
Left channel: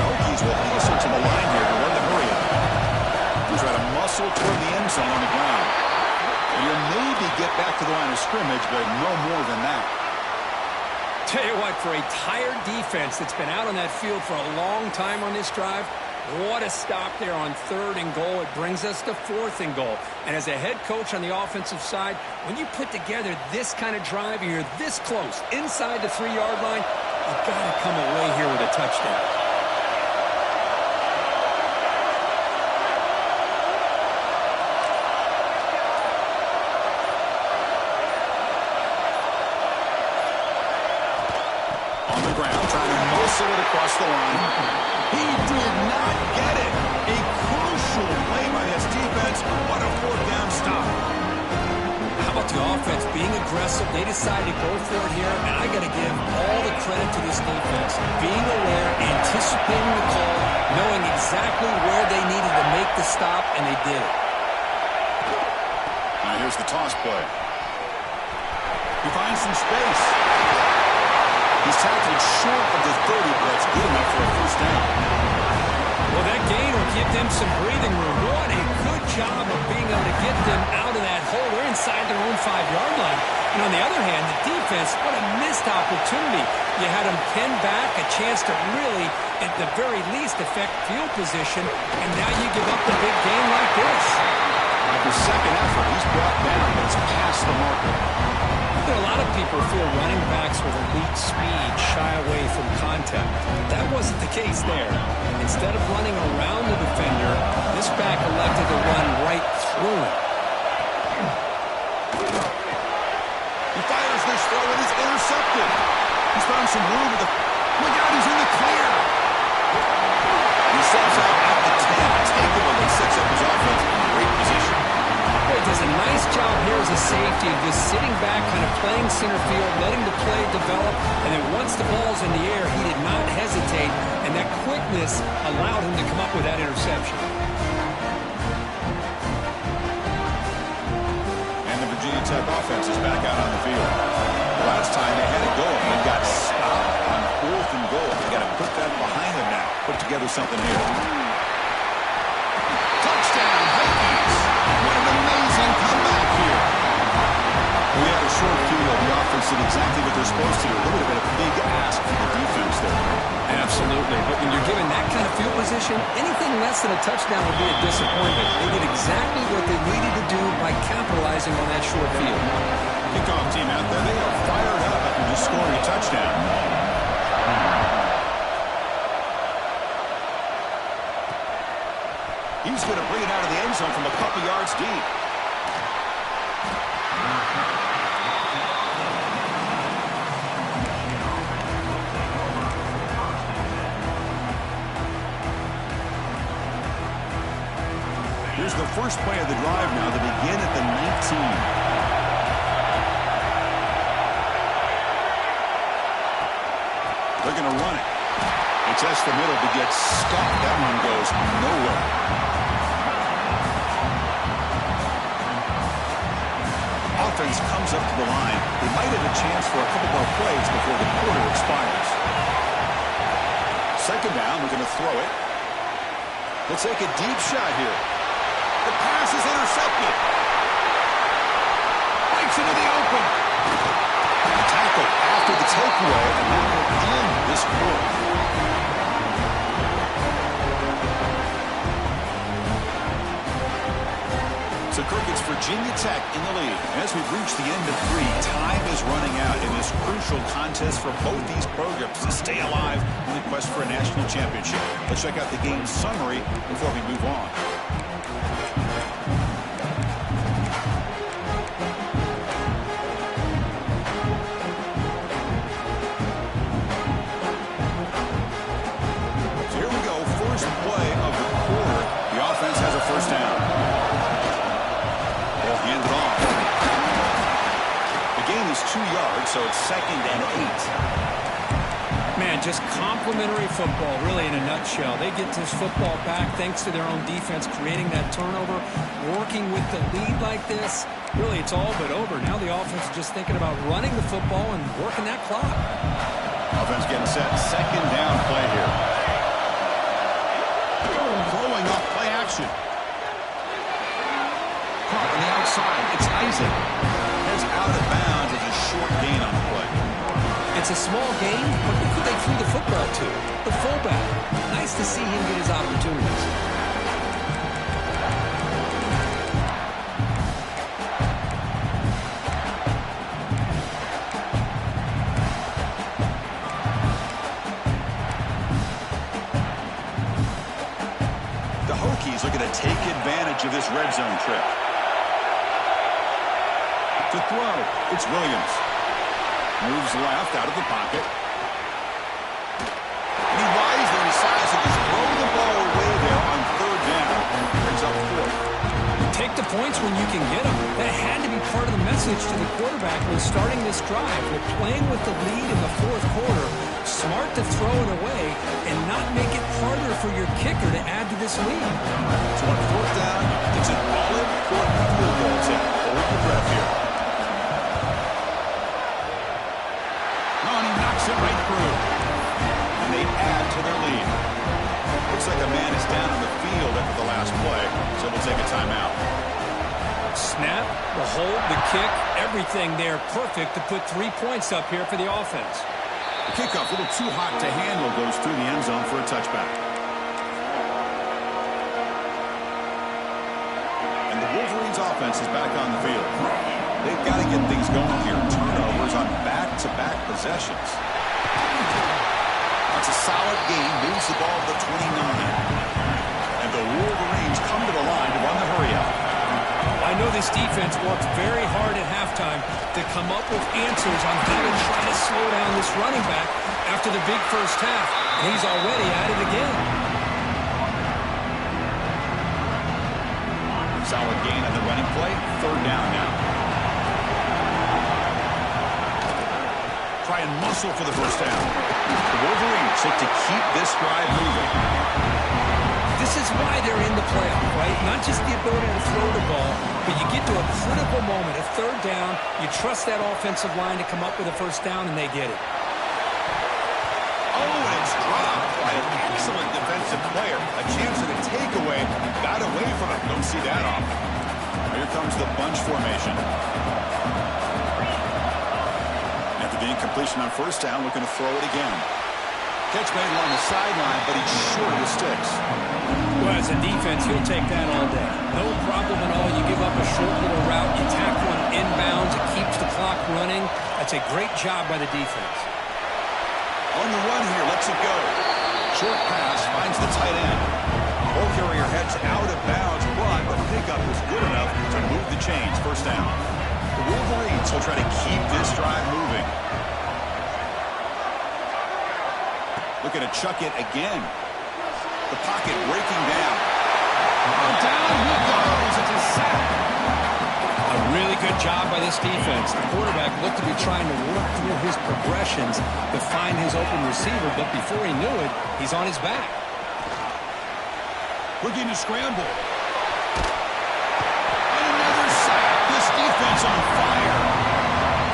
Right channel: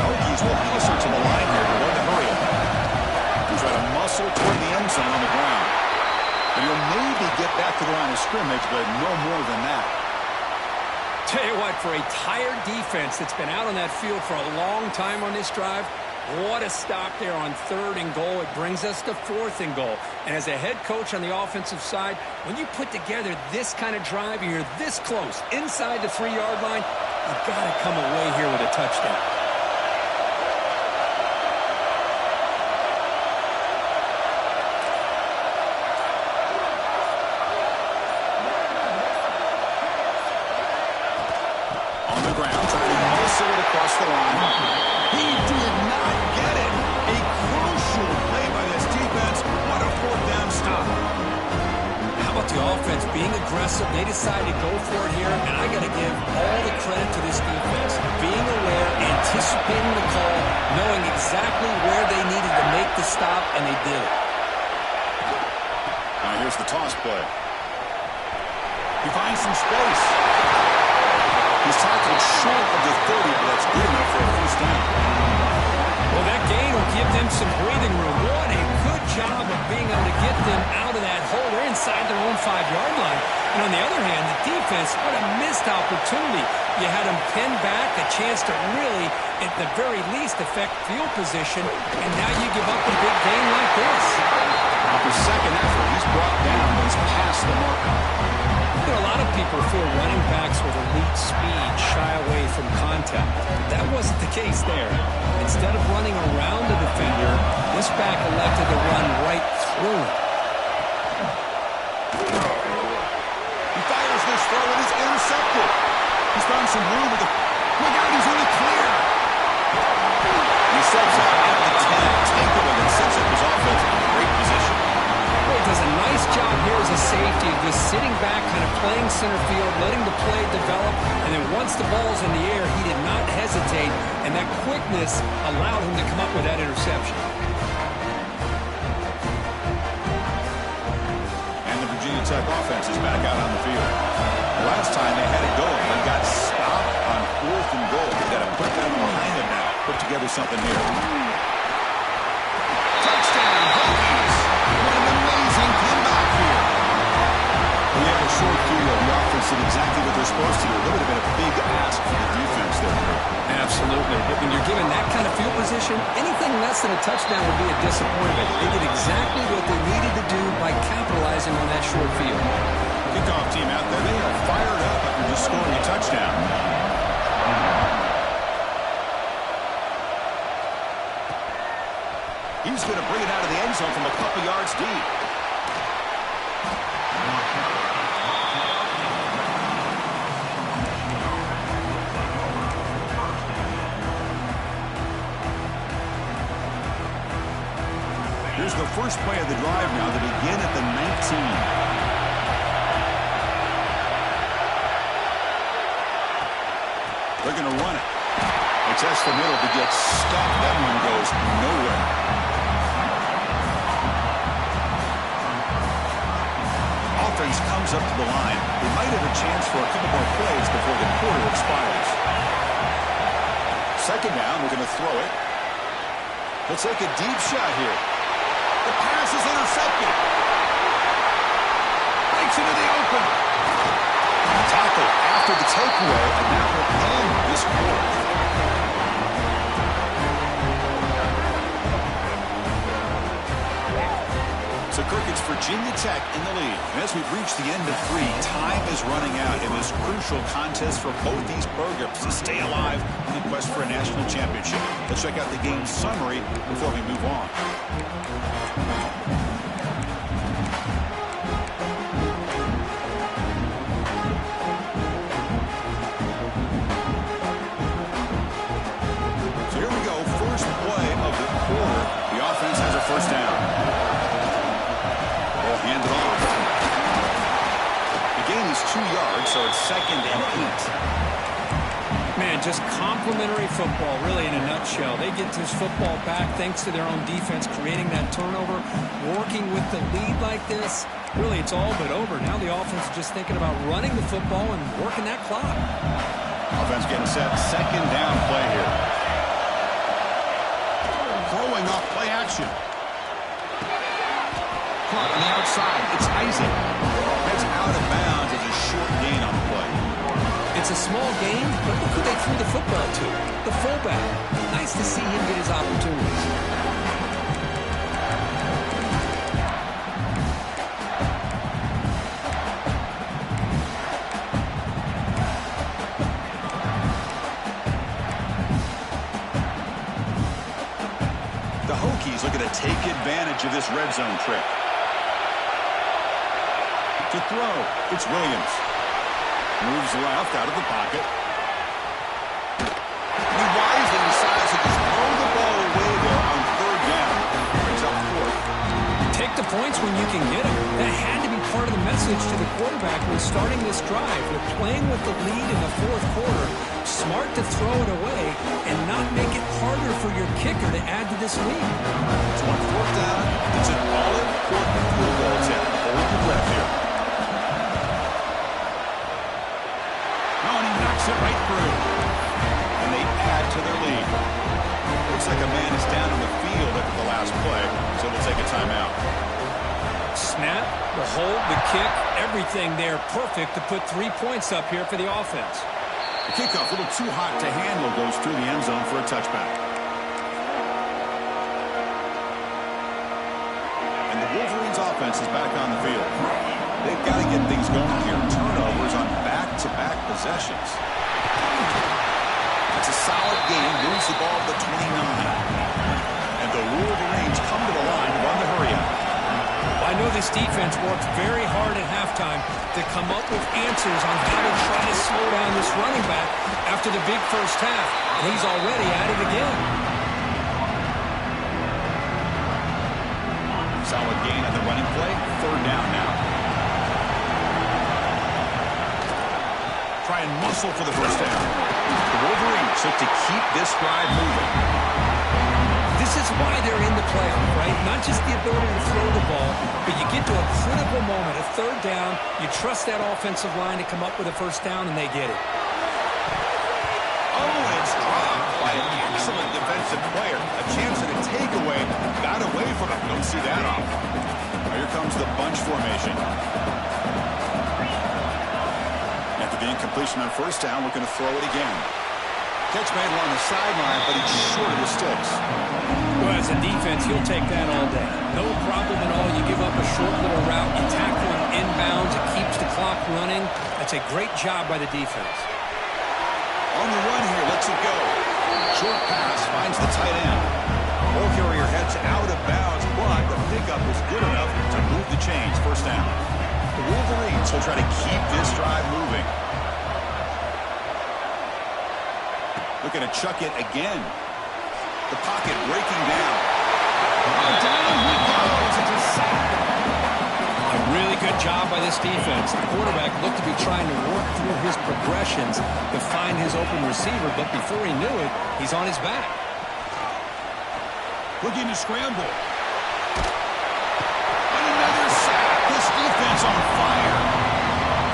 The Hokies will hustle to the line here to run the hurry up. He try to muscle toward the end zone on the ground. And he'll maybe get back to the line of scrimmage, but no more than that. Tell you what, for a tired defense that's been out on that field for a long time on this drive, what a stop there on third and goal. It brings us to fourth and goal. And as a head coach on the offensive side, when you put together this kind of drive and you're this close inside the 3-yard line, you've got to come away here with a touchdown. It across the line. He did not get it. A crucial play by this defense. What a fourth down stop. how about the offense being aggressive? They decided to go for it here, and I got to give all the credit to this defense. Being aware, anticipating the call, knowing exactly where they needed to make the stop, and they did it. Now here's the toss play. He finds some space. He's tackled short of the 30, but that's good enough for a first down. Well, that gain will give them some breathing room. What a good job of being able to get them out of that hole. They're inside their own 5-yard line. And on the other hand, the defense, what a missed opportunity. You had them pinned back, a chance to really, at the very least, affect field position, and now you give up a big gain like this. After second effort, he's brought down, but it's past the marker. You know, a lot of people feel running backs with elite speed shy away from contact. But that wasn't the case there. Instead of running around the defender, this back elected to run right through him. He fires this throw, and it's intercepted. He's found some room with the... Look out, he's in the clear. He steps out at the 10, takeaway that sets up his offense in great position. Boy, he does a nice job here as a safety of just sitting back, kind of playing center field, letting the play develop, and then once the ball's in the air, he did not hesitate, and that quickness allowed him to come up with that interception. And the Virginia Tech offense is back out on the field. The last time they had it going, they got stopped on 4th and goal. They got to put that behind them now. Put together something here. Touchdown, Hokies! What an amazing comeback here. We had a short field. The offense did exactly what they're supposed to do. That would have been a big ask for the defense there. Absolutely. But when you're given that kind of field position, anything less than a touchdown would be a disappointment. They did exactly what they needed to do by capitalizing on that short field. Kickoff team out there, they are fired up after just scoring a touchdown. He's going to bring it out of the end zone from a couple yards deep. Here's the first play of the drive now. They begin at the 19. They're going to run it. They test the middle to get stuck. That one goes nowhere. Offense comes up to the line. They might have a chance for a couple more plays before the quarter expires. Second down, we're going to throw it. They'll take a deep shot here. The pass is intercepted. Breaks into the open. Tackle after the takeaway, and that will end this quarter. So, Kirk, it's Virginia Tech in the lead. And as we've reached the end of 3, time is running out in this crucial contest for both these programs to stay alive in the quest for a national championship. Let's check out the game summary before we move on. Has a first down. Ball handed off. The gain is 2 yards, so it's 2nd and 8. Man, just complimentary football, really, in a nutshell. They get this football back thanks to their own defense, creating that turnover, working with the lead like this. Really, it's all but over. Now the offense is just thinking about running the football and working that clock. Offense getting set. Second down play here. Throwing off play action. Caught on the outside. It's Isaac. Heads out of bounds as a short gain on the play. It's a small gain, but look who they threw the football to. The fullback. Nice to see him get his opportunities. The Hokies looking to take advantage of this red zone trip. To throw, it's Williams. Moves left out of the pocket. He wisely decides to just throw the ball away there on 3rd down. Brings up 4th. Take Take the points when you can get them. That had to be part of the message to the quarterback when starting this drive. They're playing with the lead in the fourth quarter. Smart to throw it away and not make it harder for your kicker to add to this lead. So on fourth down, it's an all-important field goal attempt. Hold your breath here. No, and he knocks it right through. And they add to their lead. Looks like a man is down on the field after the last play, so we'll take a timeout. Snap, the hold, the kick, everything there perfect to put 3 points up here for the offense. The kickoff, a little too hot to handle, goes through the end zone for a touchback. And the Wolverines offense is back on the field. They've got to get things going here. Turnovers on back-to-back possessions. That's a solid gain, moves the ball to the 29. And the Wolverines come to the line to run the hurry-up. I know this defense worked very hard at halftime to come up with answers on how to try to slow down this running back after the big first half, and he's already at it again. Solid gain on the running play, third down now. Try and muscle for the first down. The Wolverines look to keep this drive moving. This is why they're in the playoff, right? Not just the ability to throw the ball, but you get to a critical moment, a third down, you trust that offensive line to come up with a first down, and they get it. Oh, and it's dropped by an excellent defensive player. A chance at a takeaway. Got away from it. Don't see that often. Here comes the bunch formation. After the incompletion on first down, looking to throw it again. Catch made along the sideline, but he's short of the sticks. Well, as a defense, you'll take that all day. No problem at all. You give up a short little route. You tack one inbounds. It keeps the clock running. That's a great job by the defense. On the run here, lets it go. Short pass, finds the tight end. Ball carrier heads out of bounds, but the pickup is good enough to move the chains. First down. The Wolverines will try to keep this drive moving. Looking to chuck it again. The pocket breaking down. Oh, down he goes. It's a sack. A really good job by this defense. The quarterback looked to be trying to work through his progressions to find his open receiver, but before he knew it, he's on his back. Looking to scramble. And another sack. This defense on fire.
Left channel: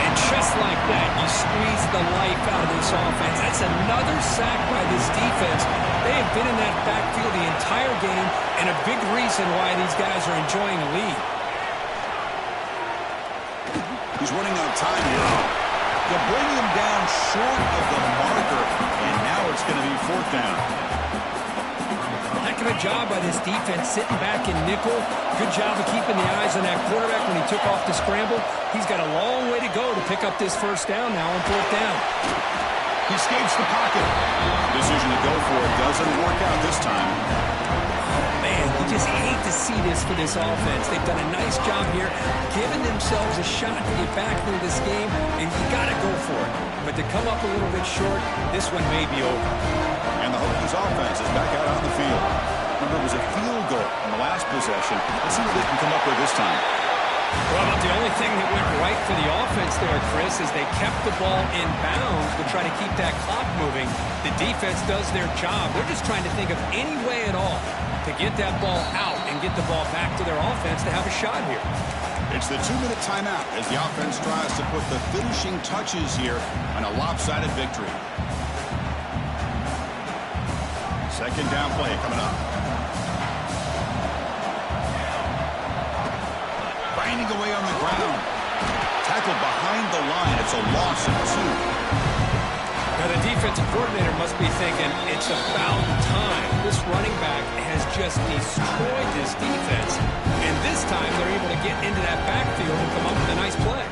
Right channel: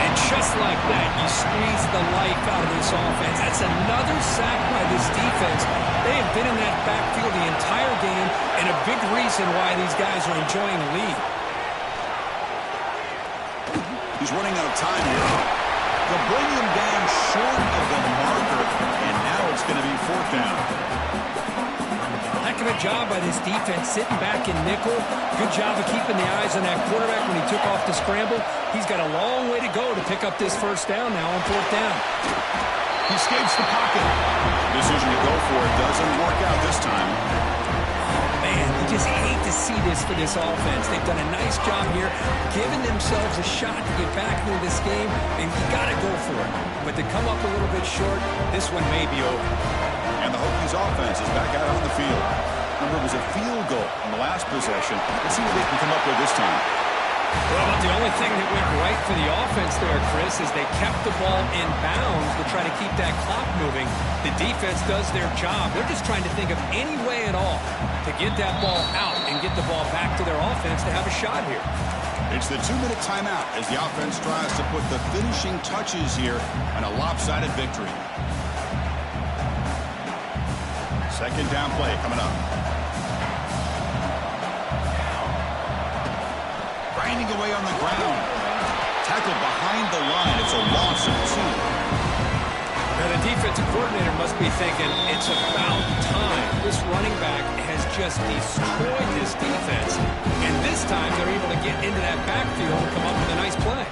And just like that, you squeeze the life out of this offense. That's another sack by this defense. They have been in that backfield the entire game, and a big reason why these guys are enjoying a lead. He's running out of time here. They'll bring him down short of the marker, and now it's going to be fourth down. Heck of a job by this defense sitting back in nickel. Good job of keeping the eyes on that quarterback when he took off the scramble. He's got a long way to go to pick up this first down now on fourth down. He escapes the pocket. Decision to go for it doesn't work out this time. Oh, man, you just hate to see this for this offense. They've done a nice job here, giving themselves a shot to get back into this game, and you got to go for it. But to come up a little bit short, this one may be over. And the Hokies offense is back out on the field. Remember, it was a field goal in the last possession. Let's see what they can come up with this time. Well, but the only thing that went right for the offense there, Chris, is they kept the ball in bounds to try to keep that clock moving. The defense does their job. They're just trying to think of any way at all to get that ball out and get the ball back to their offense to have a shot here. It's the 2-minute timeout as the offense tries to put the finishing touches here on a lopsided victory. Second down play coming up. Grinding away on the ground. Tackled behind the line. It's a loss of 2. Now the defensive coordinator must be thinking, it's about time. This running back has just destroyed this defense. And this time they're able to get into that backfield and come up with a nice play.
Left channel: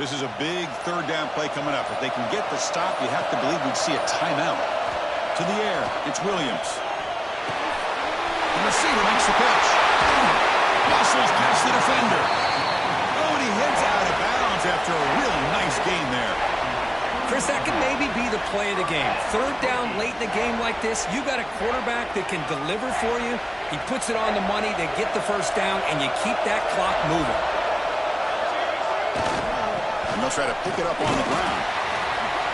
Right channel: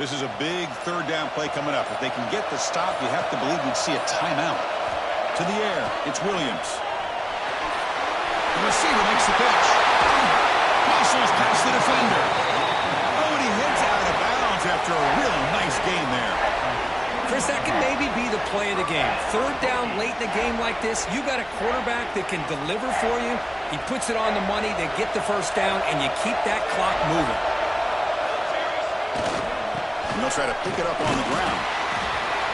This is a big third down play coming up. If they can get the stop, you have to believe we'd see a timeout. To the air, it's Williams. The receiver makes the catch. Muscles past the defender. Oh, and he heads out of bounds after a really nice gain there. Chris, that could maybe be the play of the game. Third down late in the game like this, you got a quarterback that can deliver for you. He puts it on the money, they get the first down, and you keep that clock moving. And they'll try to pick it up on the ground.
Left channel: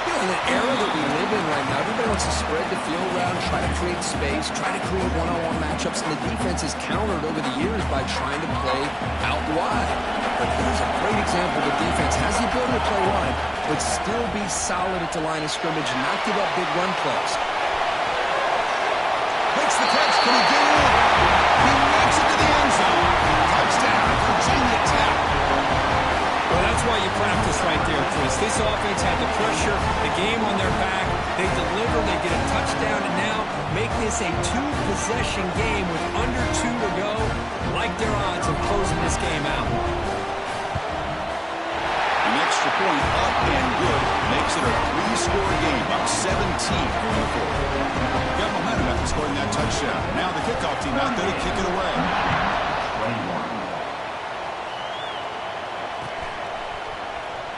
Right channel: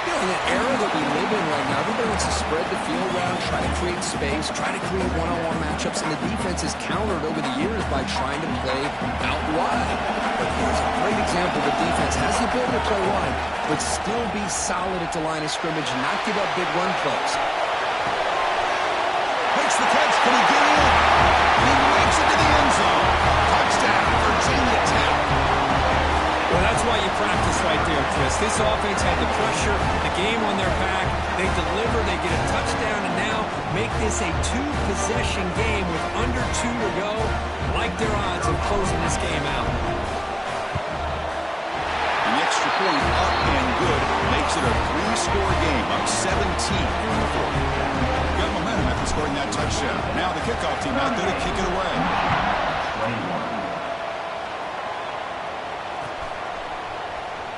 You know, in the era that we live in right now, everybody wants to spread the field around, try to create space, try to create one-on-one matchups, and the defense is countered over the years by trying to play out wide. But here's a great example. The defense has the ability to play wide, but still be solid at the line of scrimmage and not give up big run plays. Makes the catch. Can he get in? He makes it to the end zone. Touchdown, Virginia Tech. Well, that's why you practice right there, Chris. This offense had the pressure, the game on their back. They deliver, they get a touchdown, and now make this a two-possession game with under 2 to go. Like their odds of closing this game out. An extra point up and good makes it a 3-score game, up 17 here in the fourth. Got momentum after scoring that touchdown. Now the kickoff team out there to kick it away.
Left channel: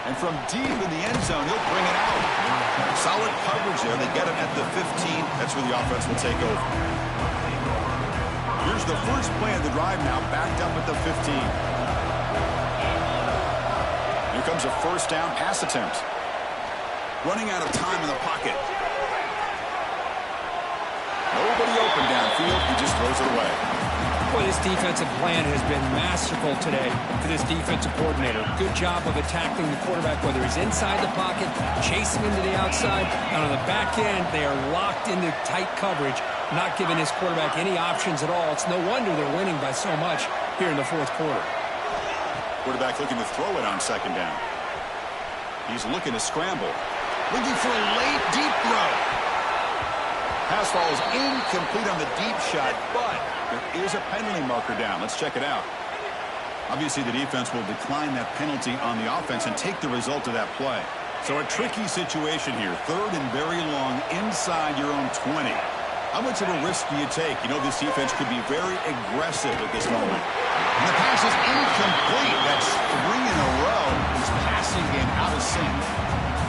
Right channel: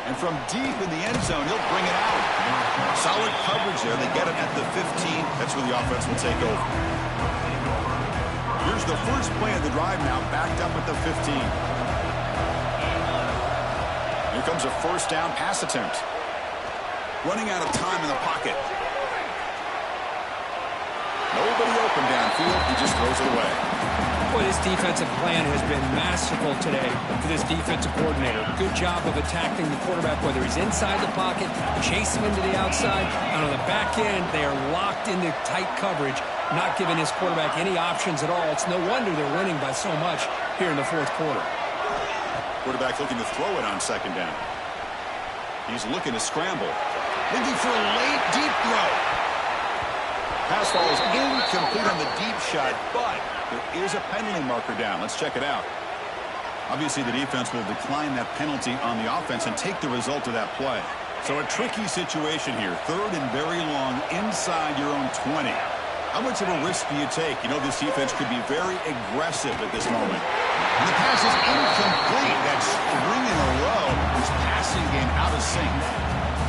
And from deep in the end zone, he'll bring it out. Solid coverage there. They get him at the 15. That's where the offense will take over. Here's the first play of the drive now, backed up at the 15. Here comes a first down pass attempt. Running out of time in the pocket. Nobody open downfield. He just throws it away. Boy, this defensive plan has been masterful today for this defensive coordinator. Good job of attacking the quarterback, whether he's inside the pocket, chasing him to the outside, and on the back end, they are locked into tight coverage, not giving his quarterback any options at all. It's no wonder they're winning by so much here in the fourth quarter. Quarterback looking to throw it on second down. He's looking to scramble. Looking for a late, deep throw. Pass ball is incomplete on the deep shot, but there is a penalty marker down. Let's check it out. Obviously, the defense will decline that penalty on the offense and take the result of that play. So a tricky situation here. Third and very long inside your own 20. How much of a risk do you take? You know, this defense could be very aggressive at this moment. And the pass is incomplete. That's 3 in a row. His passing game out of sync.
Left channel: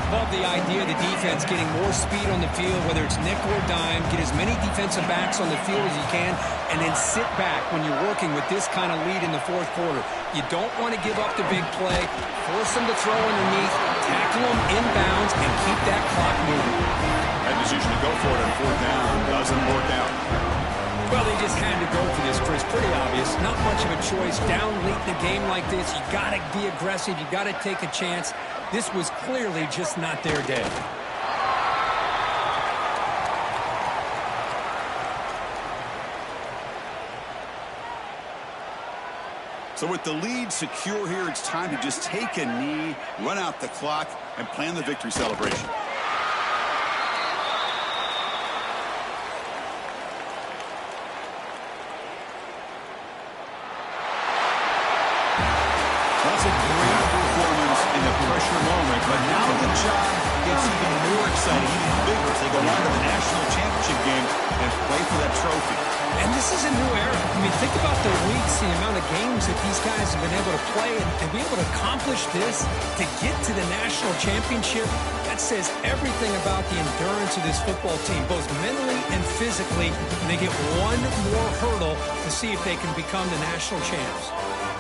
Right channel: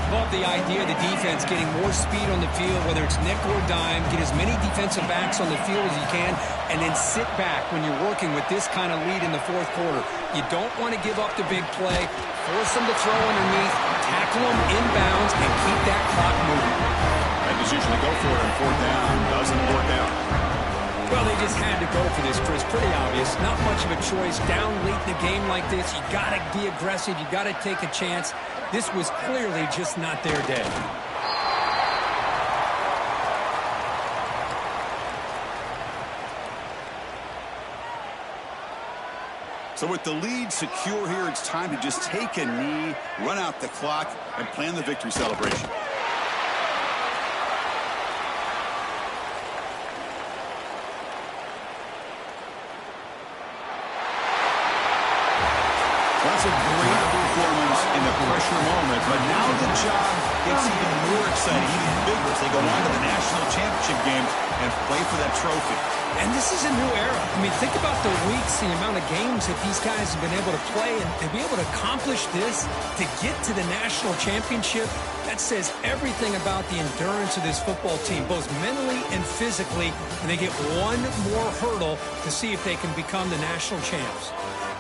Love the idea of the defense getting more speed on the field, whether it's nickel or dime, get as many defensive backs on the field as you can, and then sit back when you're working with this kind of lead in the fourth quarter. You don't want to give up the big play, force them to throw underneath, tackle them inbounds, and keep that clock moving. That decision to go for it on fourth down doesn't work out. Well, they just had to go for this, Chris. Pretty obvious. Not much of a choice. Down late in the game like this, you got to be aggressive. You got to take a chance. This was clearly just not their day. So with the lead secure here, it's time to just take a knee, run out the clock, and plan the victory celebration. That's a great performance in the pressure moment, but now the job gets even more exciting, even bigger as they go on to the national championship game and play for that trophy. And this is a new era. I mean, think about the weeks, the amount of games that these guys have been able to play, and to be able to accomplish this, to get to the national championship, that says everything about the endurance of this football team, both mentally and physically, and they get one more hurdle to see if they can become the national champs.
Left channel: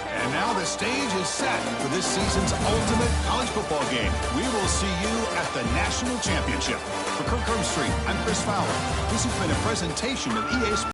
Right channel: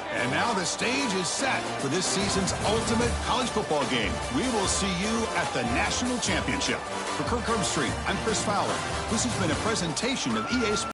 And now the stage is set for this season's ultimate college football game. We will see you at the national championship. For Kirk Herbstreit, I'm Chris Fowler. This has been a presentation of EA Sports.